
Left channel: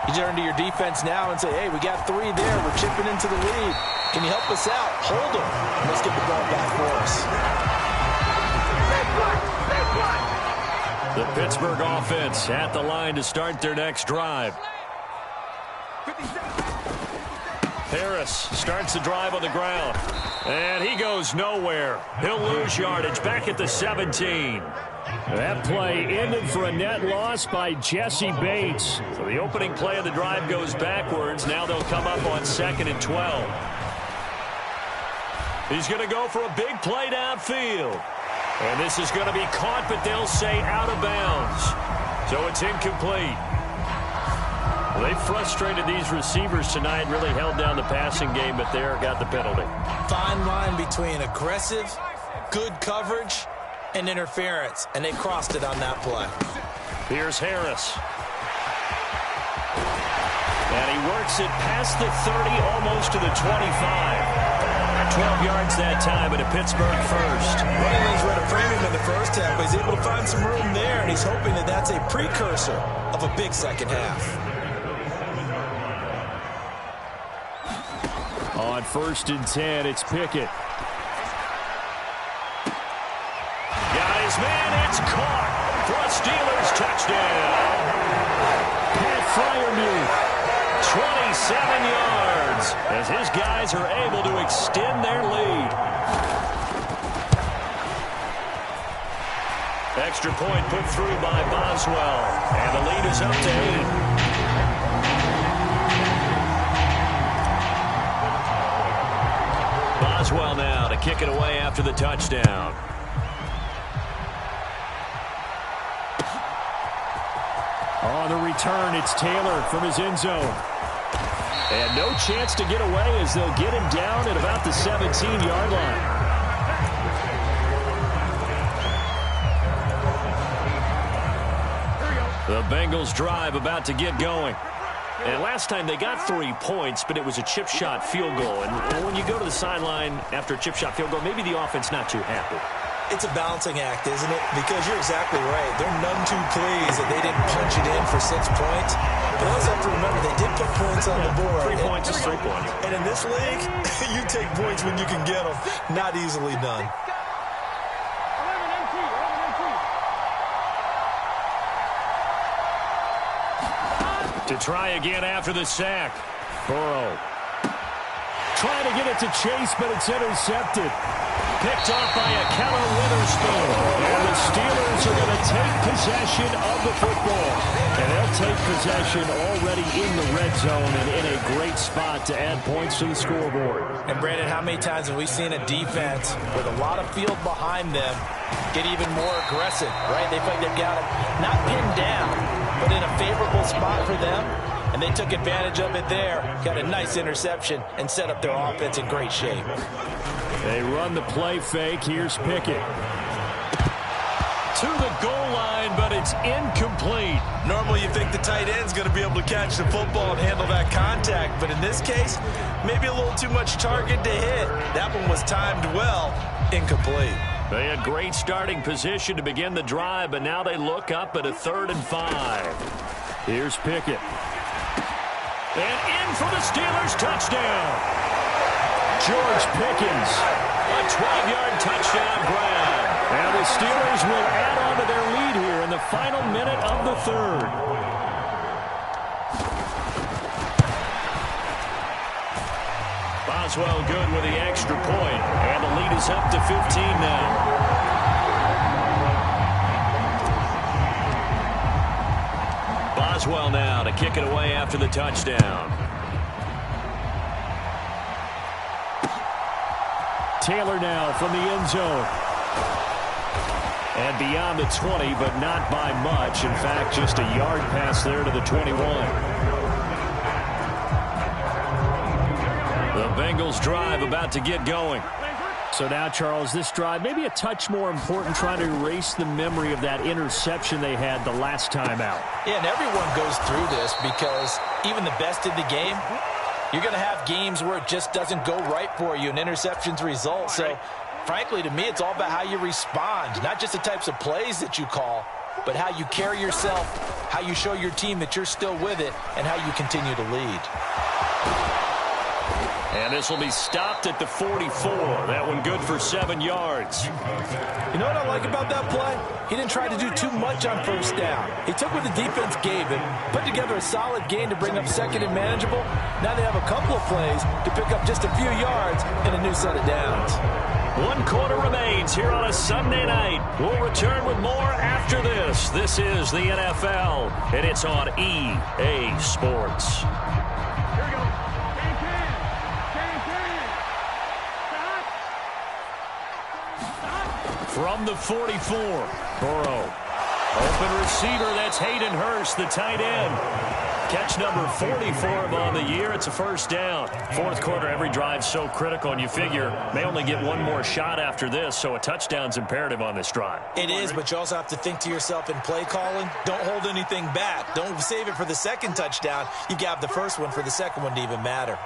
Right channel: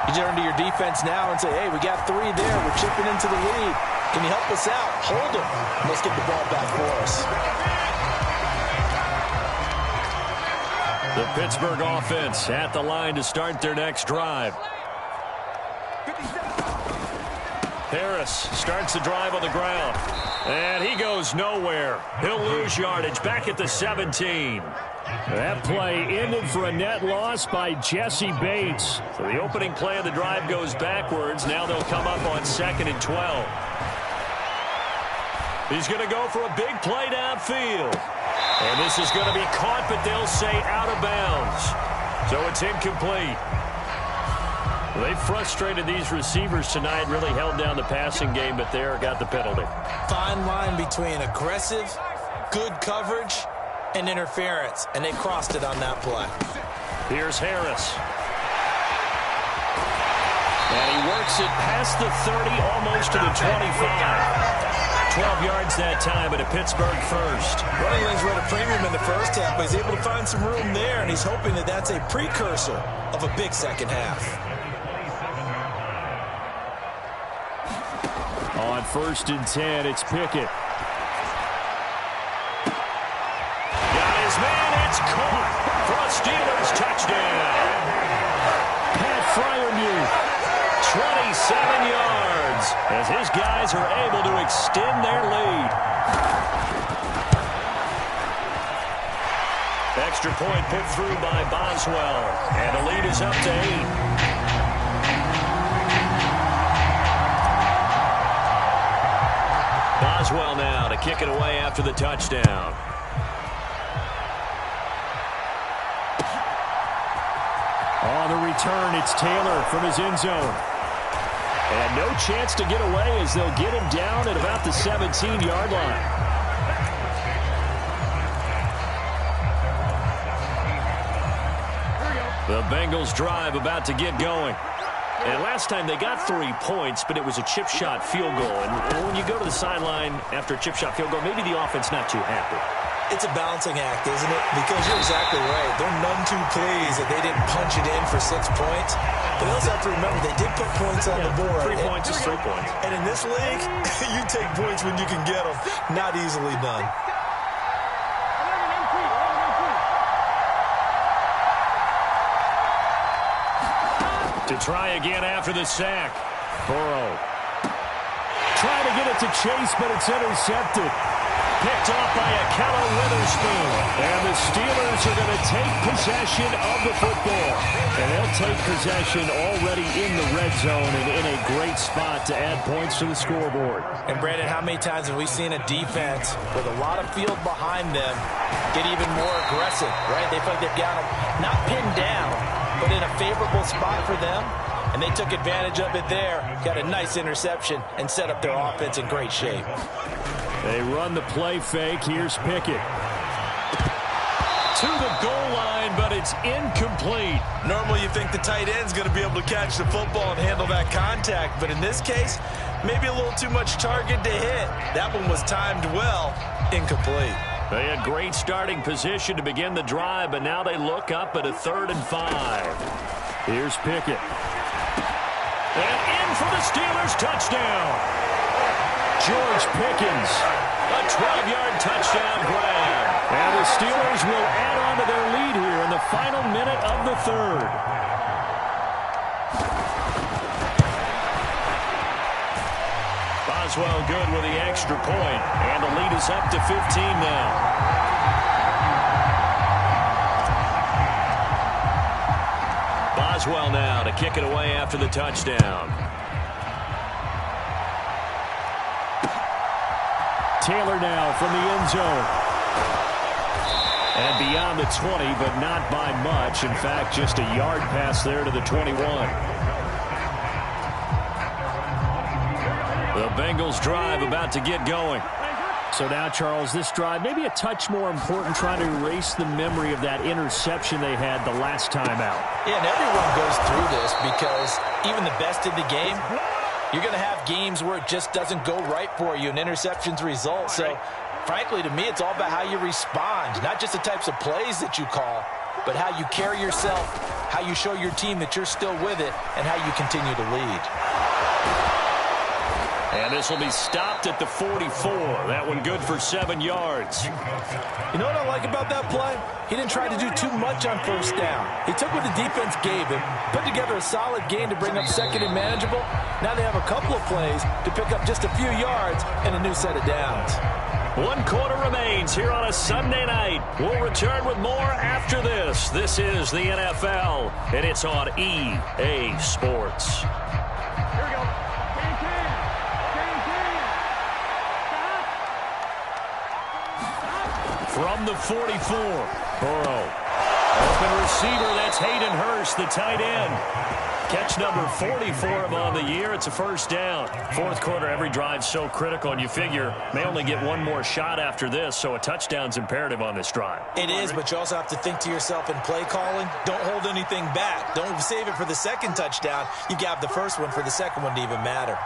You turn to your defense now and say, hey, we got 3 there. We're chipping into the lead. Can you help us out? Hold them. Let's get the ball back for us. The Pittsburgh offense at the line to start their next drive. Harris starts the drive on the ground. And he goes nowhere. He'll lose yardage back at the 17. That play ended for a net loss by Jesse Bates. So the opening play of the drive goes backwards. Now they'll come up on 2nd and 12. He's going to go for a big play downfield. And this is going to be caught, but they'll say out of bounds. So it's incomplete. Well, they frustrated these receivers tonight, really held down the passing game, but there got the penalty. Fine line between aggressive, good coverage, and interference, and they crossed it on that play. Here's Harris. And he works it past the 30, almost to the 25. 12 yards that time, and a Pittsburgh first. Running lanes were at a premium in the first half, but he's able to find some room there, and he's hoping that that's a precursor of a big second half. On 1st and 10, it's Pickett. Got his man, it's caught for a Steelers touchdown. Pat Freiermuth, 27 yards, as his guys are able to extend their lead. Extra point put through by Boswell, and the lead is up to 8. Boswell now to kick it away after the touchdown. On the return, it's Taylor from his end zone. And no chance to get away as they'll get him down at about the 17-yard line. The Bengals drive about to get going. And last time they got 3 points, but it was a chip shot field goal. And when you go to the sideline after a chip shot field goal, maybe the offense not too happy. It's a balancing act, isn't it? Because you're exactly right. They're none too pleased that they didn't punch it in for 6 points. But they also have to remember they did put points on the board. 3 points is 3 points. And in this league, you take points when you can get them. Not easily done. To try again after the sack. Burrow. Trying to get it to Chase, but it's intercepted. Picked off by Akello Witherspoon. And the Steelers are going to take possession of the football. And they'll take possession already in the red zone and in a great spot to add points to the scoreboard. And Brandon, how many times have we seen a defense with a lot of field behind them get even more aggressive, right? They feel like they've got them not pinned down, but in a favorable spot for them. And they took advantage of it there. Got a nice interception and set up their offense in great shape. They run the play fake. Here's Pickett. To the goal line, but it's incomplete. Normally you think the tight end's going to be able to catch the football and handle that contact. But in this case, maybe a little too much target to hit. That one was timed well. Incomplete. They had great starting position to begin the drive, but now they look up at a 3rd and 5. Here's Pickett. And in for the Steelers touchdown. George Pickens, a 12-yard touchdown grab. And the Steelers will add on to their lead here in the final minute of the 3rd. Boswell good with the extra point, and the lead is up to 15 now. Boswell now to kick it away after the touchdown. Taylor now from the end zone. And beyond the 20, but not by much. In fact, just a yard pass there to the 21. The Bengals drive about to get going. So now, Charles, this drive maybe a touch more important, trying to erase the memory of that interception they had the last time out. Yeah, and everyone goes through this because even the best in the game, you're going to have games where it just doesn't go right for you, and interceptions result. So, frankly, to me, it's all about how you respond, not just the types of plays that you call, but how you carry yourself, how you show your team that you're still with it, and how you continue to lead. And this will be stopped at the 44. That one good for 7 yards. You know what I like about that play? He didn't try to do too much on first down. He took what the defense gave him, put together a solid gain to bring up second and manageable. Now they have a couple of plays to pick up just a few yards and a new set of downs. 1 quarter remains here on a Sunday night. We'll return with more after this. This is the NFL, and it's on EA Sports. Here we go. From the 44, Burrow. Open receiver, that's Hayden Hurst, the tight end. Catch number 40 for him on the year. It's a first down. Fourth quarter, every drive so critical, and you figure may only get one more shot after this, so a touchdown's imperative on this drive. It is, but you also have to think to yourself in play calling, don't hold anything back. Don't save it for the second touchdown. You got the first one for the second one to even matter.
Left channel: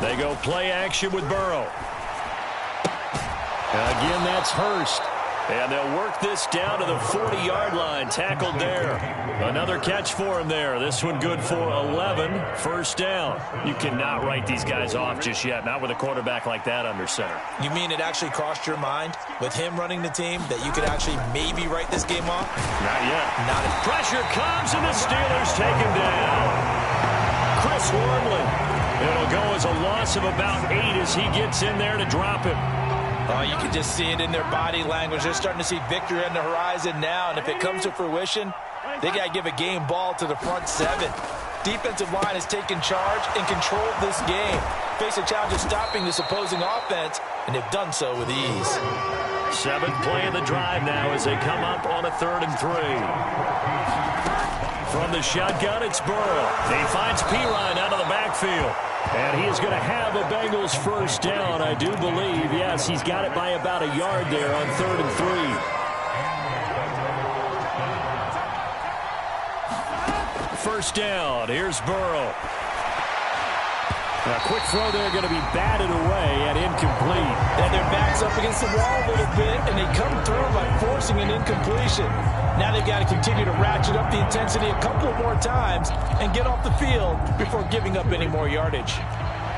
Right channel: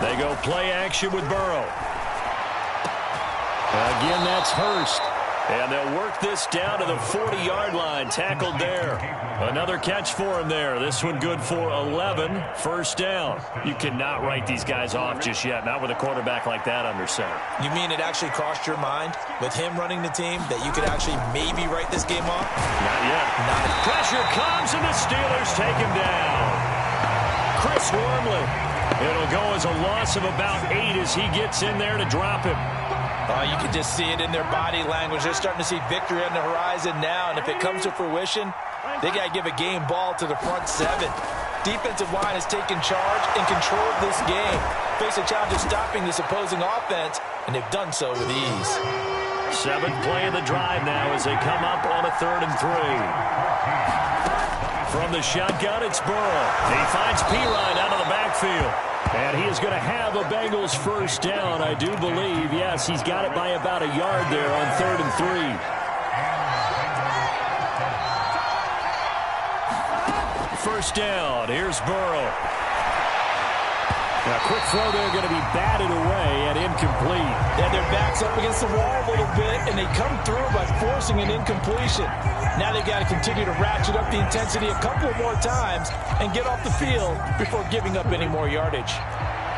They go play action with Burrow. Again, that's Hurst. And they'll work this down to the 40-yard line. Tackled there. Another catch for him there. This one good for 11. First down. You cannot write these guys off just yet. Not with a quarterback like that under center. You mean it actually crossed your mind with him running the team that you could actually maybe write this game off? Not yet. Not yet. Pressure comes, and the Steelers take him down. Chris Wormley. It'll go as a loss of about 8 as he gets in there to drop him. Oh, you can just see it in their body language. They're starting to see victory on the horizon now, and if it comes to fruition, they got to give a game ball to the front 7. Defensive line has taken charge and controlled this game. Face a challenge of stopping this opposing offense, and they've done so with ease. 7th play of the drive now as they come up on a 3rd and 3. From the shotgun, it's Burrow. He finds Pirine out of the backfield. And he is going to have a Bengals first down, I do believe. Yes, he's got it by about a yard there on 3rd and 3. First down. Here's Burrow. A quick throw there going to be batted away and incomplete. And their backs up against the wall a little bit, and they come through by forcing an incompletion. Now they've got to continue to ratchet up the intensity a couple more times and get off the field before giving up any more yardage.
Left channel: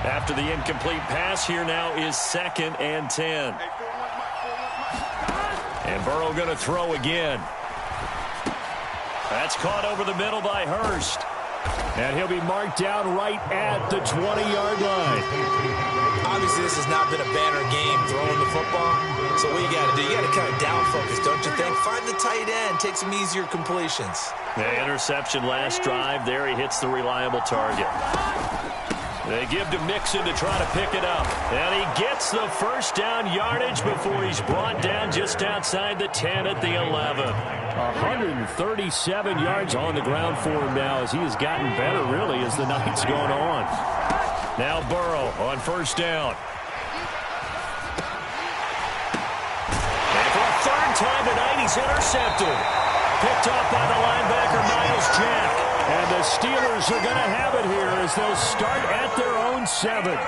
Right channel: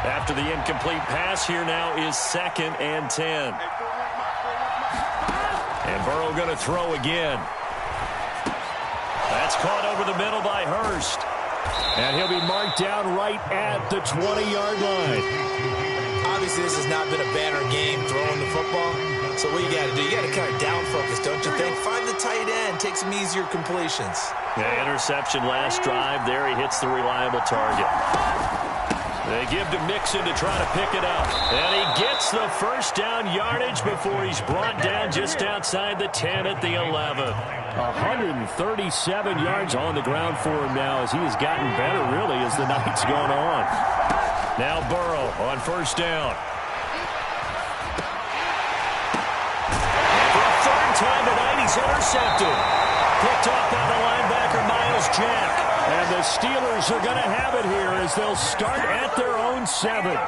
After the incomplete pass, here now is 2nd and 10. And Burrow going to throw again. That's caught over the middle by Hurst. And he'll be marked down right at the 20-yard line. Obviously, this has not been a banner game throwing the football. So what you got to do, you got to kind of down focus, don't you think? Find the tight end, take some easier completions. Yeah, interception last drive. There he hits the reliable target. They give to Mixon to try to pick it up. And he gets the first down yardage before he's brought down just outside the 10 at the 11. 137 yards on the ground for him now as he has gotten better, really, as the night's gone on. Now Burrow on first down. And for a 3rd time tonight, he's intercepted. Picked off by the linebacker, Miles Jack. And the Steelers are going to have it here as they'll start at their own 7.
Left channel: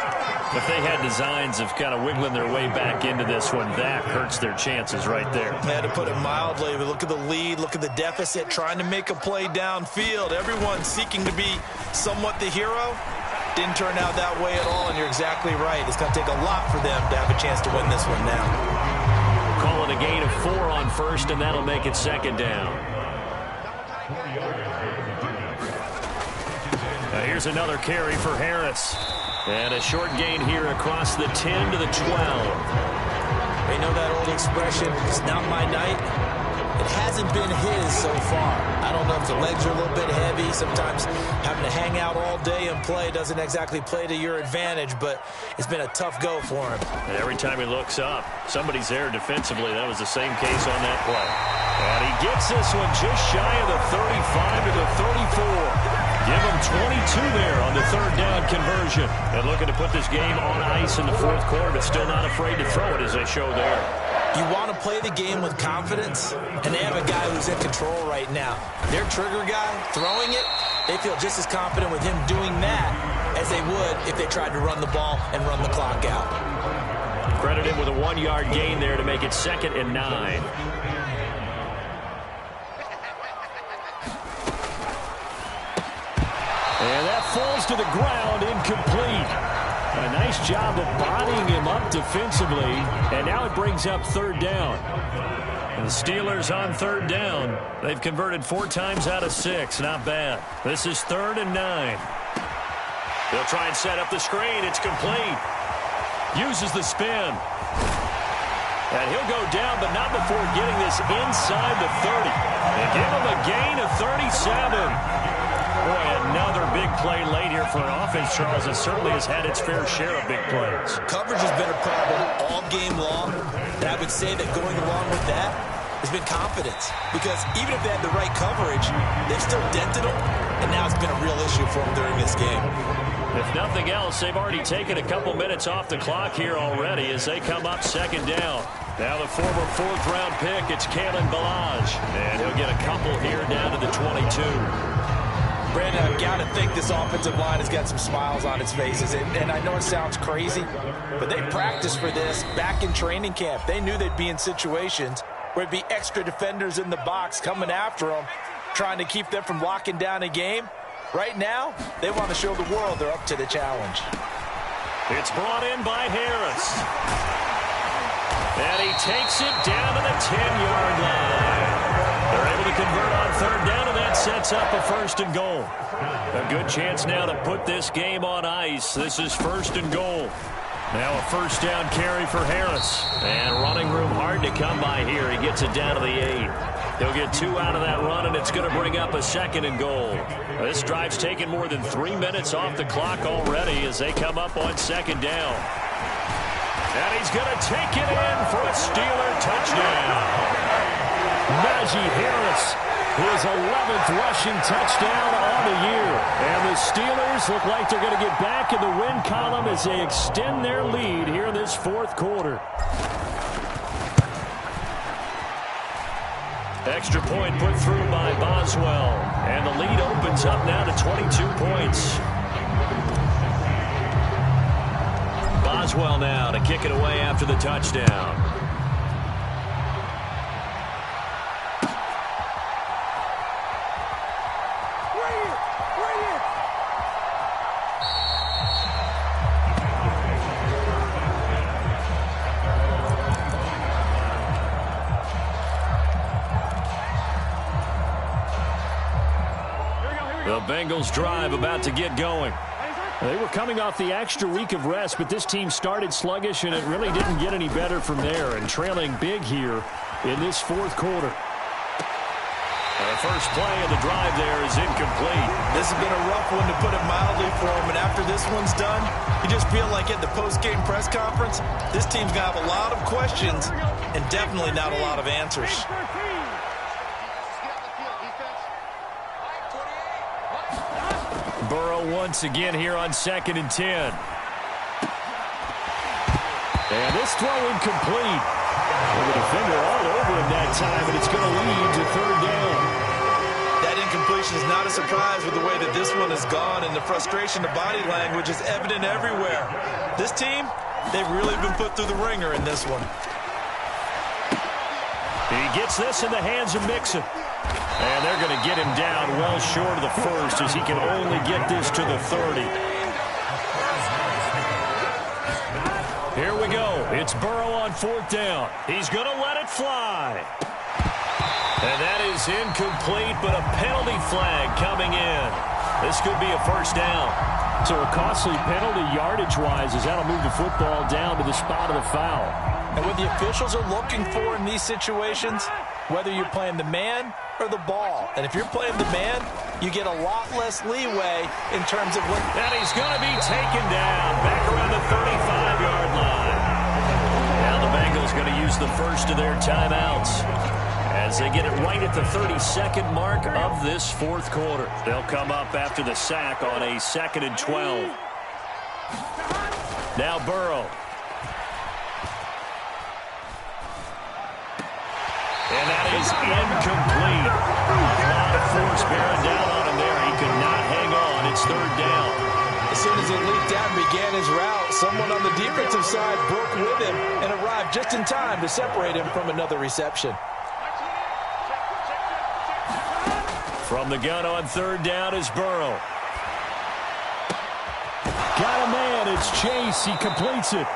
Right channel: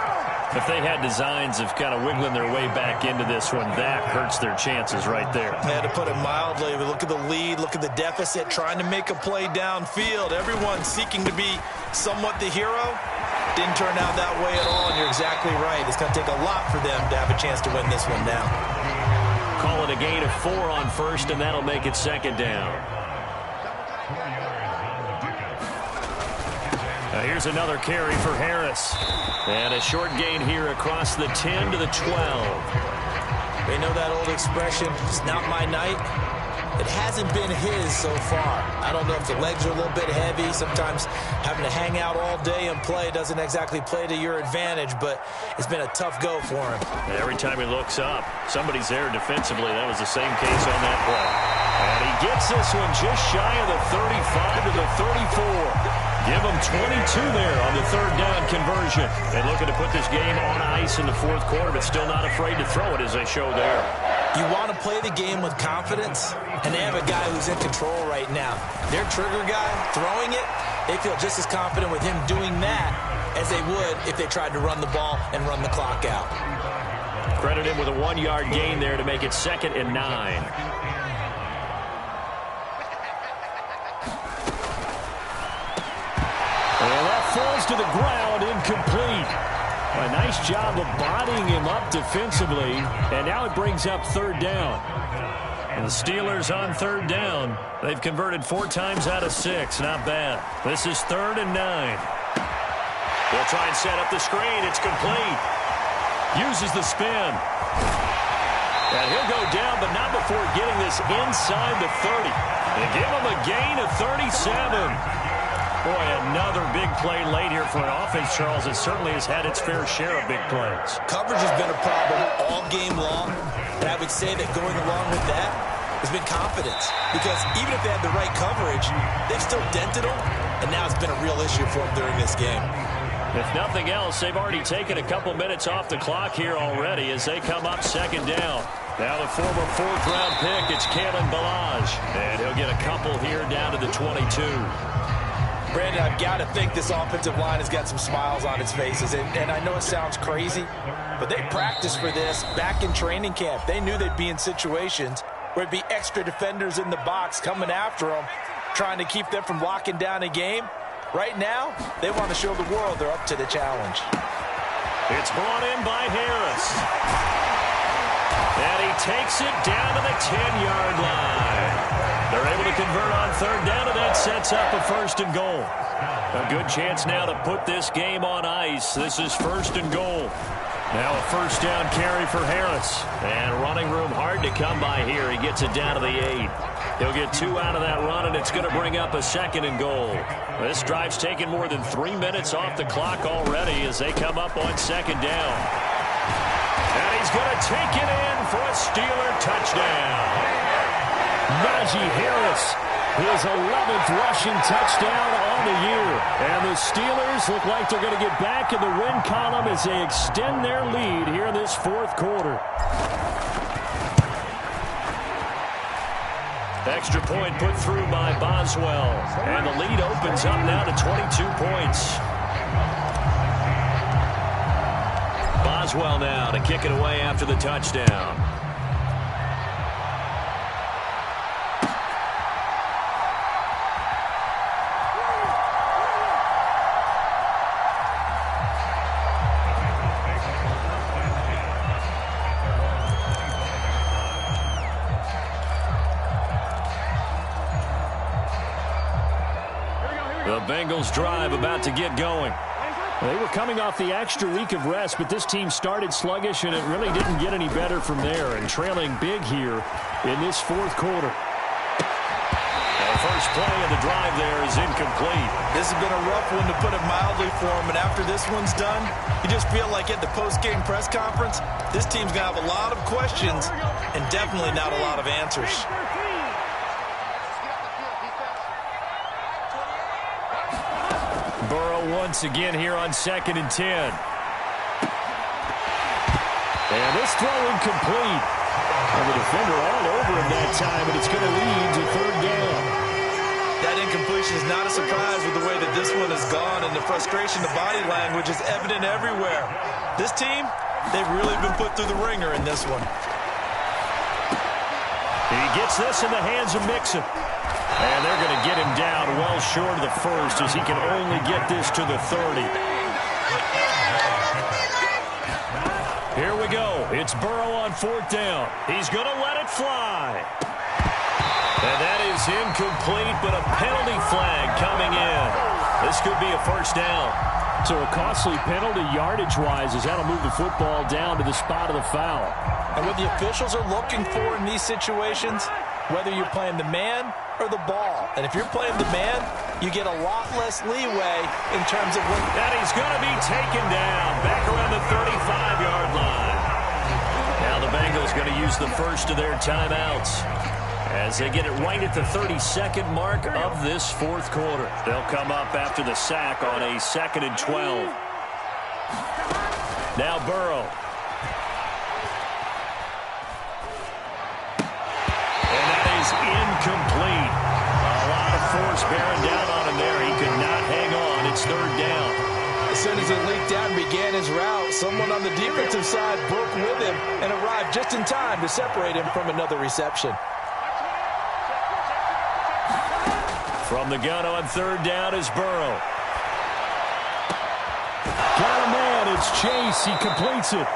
If they had designs of kind of wiggling their way back into this one, that hurts their chances right there. Yeah, to put it mildly, but look at the lead, look at the deficit, trying to make a play downfield. Everyone seeking to be somewhat the hero. Didn't turn out that way at all, and you're exactly right. It's going to take a lot for them to have a chance to win this one now. Call it a gain of 4 on first, and that'll make it 2nd down. Now here's another carry for Harris. And a short gain here across the 10 to the 12. They know that old expression, it's not my night. It hasn't been his so far. I don't know if the legs are a little bit heavy. Sometimes having to hang out all day and play doesn't exactly play to your advantage, but it's been a tough go for him. And every time he looks up, somebody's there defensively. That was the same case on that play. And he gets this one just shy of the 35 to the 34. Give him 22 there on the third down conversion. And looking to put this game on ice in the fourth quarter, but still not afraid to throw it as they show there. You want to play the game with confidence, and they have a guy who's in control right now. Their trigger guy, throwing it, they feel just as confident with him doing that as they would if they tried to run the ball and run the clock out. Credit him with a 1-yard gain there to make it 2nd and 9. And that falls to the ground, incomplete. A nice job of bodying him up defensively, and now it brings up third down. And the Steelers on third down. They've converted 4 times out of 6. Not bad. This is 3rd and 9. They'll try and set up the screen. It's complete. Uses the spin. And he'll go down, but not before getting this inside the 30. And give him a gain of 37. Boy, another big play late here for an offense, Charles, that certainly has had its fair share of big plays. Coverage has been a problem all game long, and I would say that going along with that has been confidence. Because even if they had the right coverage, they've still dented them, and now it's been a real issue for them during this game. If nothing else, they've already taken a couple minutes off the clock here already as they come up 2nd down. Now the former 4th-round pick, it's Kalen Ballage, and he'll get a couple here down to the 22. Brandon, I've got to think this offensive line has got some smiles on its faces. And I know it sounds crazy, but they practiced for this back in training camp. They knew they'd be in situations where it'd be extra defenders in the box coming after them, trying to keep them from locking down a game. Right now, they want to show the world they're up to the challenge. It's brought in by Harris. And he takes it down to the 10-yard line. They're able to convert on third down, and that sets up a 1st and goal. A good chance now to put this game on ice. This is 1st and goal. Now a 1st down carry for Harris. And running room hard to come by here. He gets it down to the 8. He'll get 2 out of that run, and it's going to bring up a 2nd and goal. This drive's taken more than 3 minutes off the clock already as they come up on 2nd down. And he's going to take it in for a Steeler touchdown. Najee Harris, his 11th rushing touchdown on the year. And the Steelers look like they're going to get back in the win column as they extend their lead here in this 4th quarter. Extra point put through by Boswell. And the lead opens up now to 22 points. Boswell now to kick it away after the touchdown. The Bengals drive about to get going. They were coming off the extra week of rest, but this team started sluggish, and it really didn't get any better from there, and trailing big here in this 4th quarter. The first play of the drive there is incomplete. This has been a rough one, to put it mildly, for him, and after this one's done, you just feel like at the post-game press conference, this team's going to have a lot of questions and definitely not a lot of answers. Burrow once again here on 2nd and 10. And this throw incomplete. And the defender all over him that time, and it's going to lead to 3rd down. That incompletion is not a surprise with the way that this one has gone, and the frustration, the body language is evident everywhere. This team, they've really been put through the ringer in this one. He gets this in the hands of Mixon. And they're going to get him down well short of the 1st as he can only get this to the 30. Here we go. It's Burrow on 4th down. He's going to let it fly. And that is incomplete, but a penalty flag coming in. This could be a 1st down. So a costly penalty yardage-wise as that'll move the football down to the spot of the foul. And what the officials are looking for in these situations, whether you're playing the man or the ball. And if you're playing the man, you get a lot less leeway in terms of what... And he's going to be taken down back around the 35-yard line. Now the Bengals going to use the first of their timeouts. as they get it right at the 32nd mark of this fourth quarter. They'll come up after the sack on a 2nd and 12. Now Burrow. And that is incomplete. A lot of force bearing down on him there. He could not hang on. It's 3rd down. As soon as it leaked out and began his route, someone on the defensive side broke with him and arrived just in time to separate him from another reception. From the gun on 3rd down is Burrow. Got a man. It's Chase. He completes it.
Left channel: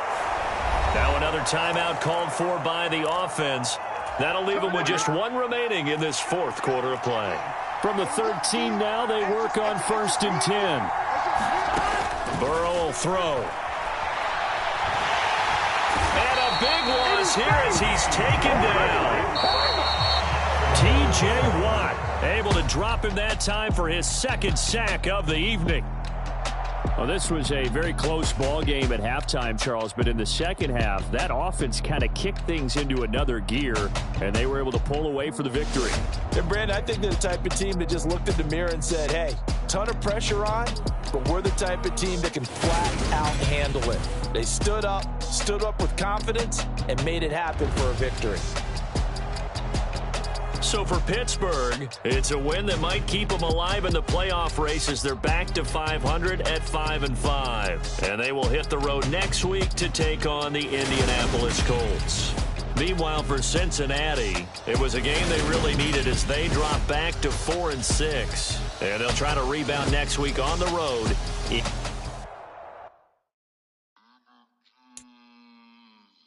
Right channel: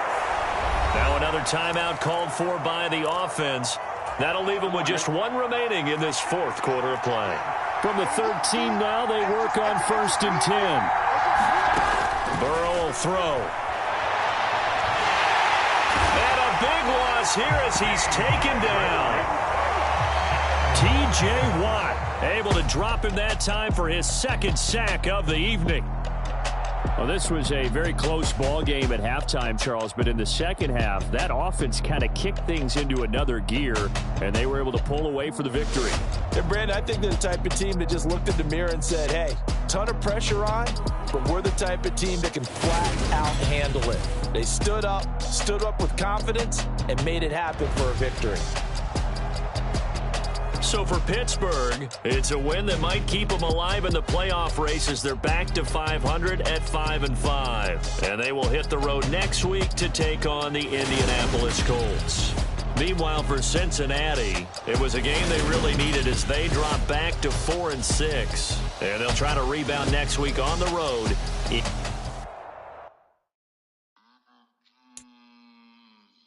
Now another timeout called for by the offense. That'll leave them with just 1 remaining in this fourth quarter of play. From the 13 now, they work on 1st and 10. Burrow will throw. And a big loss here as he's taken down. T.J. Watt able to drop him that time for his 2nd sack of the evening. Well, this was a very close ball game at halftime, Charles, but in the second half, that offense kind of kicked things into another gear, and they were able to pull away for the victory. And, Brandon, I think they're the type of team that just looked in the mirror and said, hey, ton of pressure on, but we're the type of team that can flat out handle it. They stood up with confidence, and made it happen for a victory. So for Pittsburgh, it's a win that might keep them alive in the playoff race as they're back to 500 at 5-5. And they will hit the road next week to take on the Indianapolis Colts. Meanwhile, for Cincinnati, it was a game they really needed as they drop back to 4-6. And they'll try to rebound next week on the road.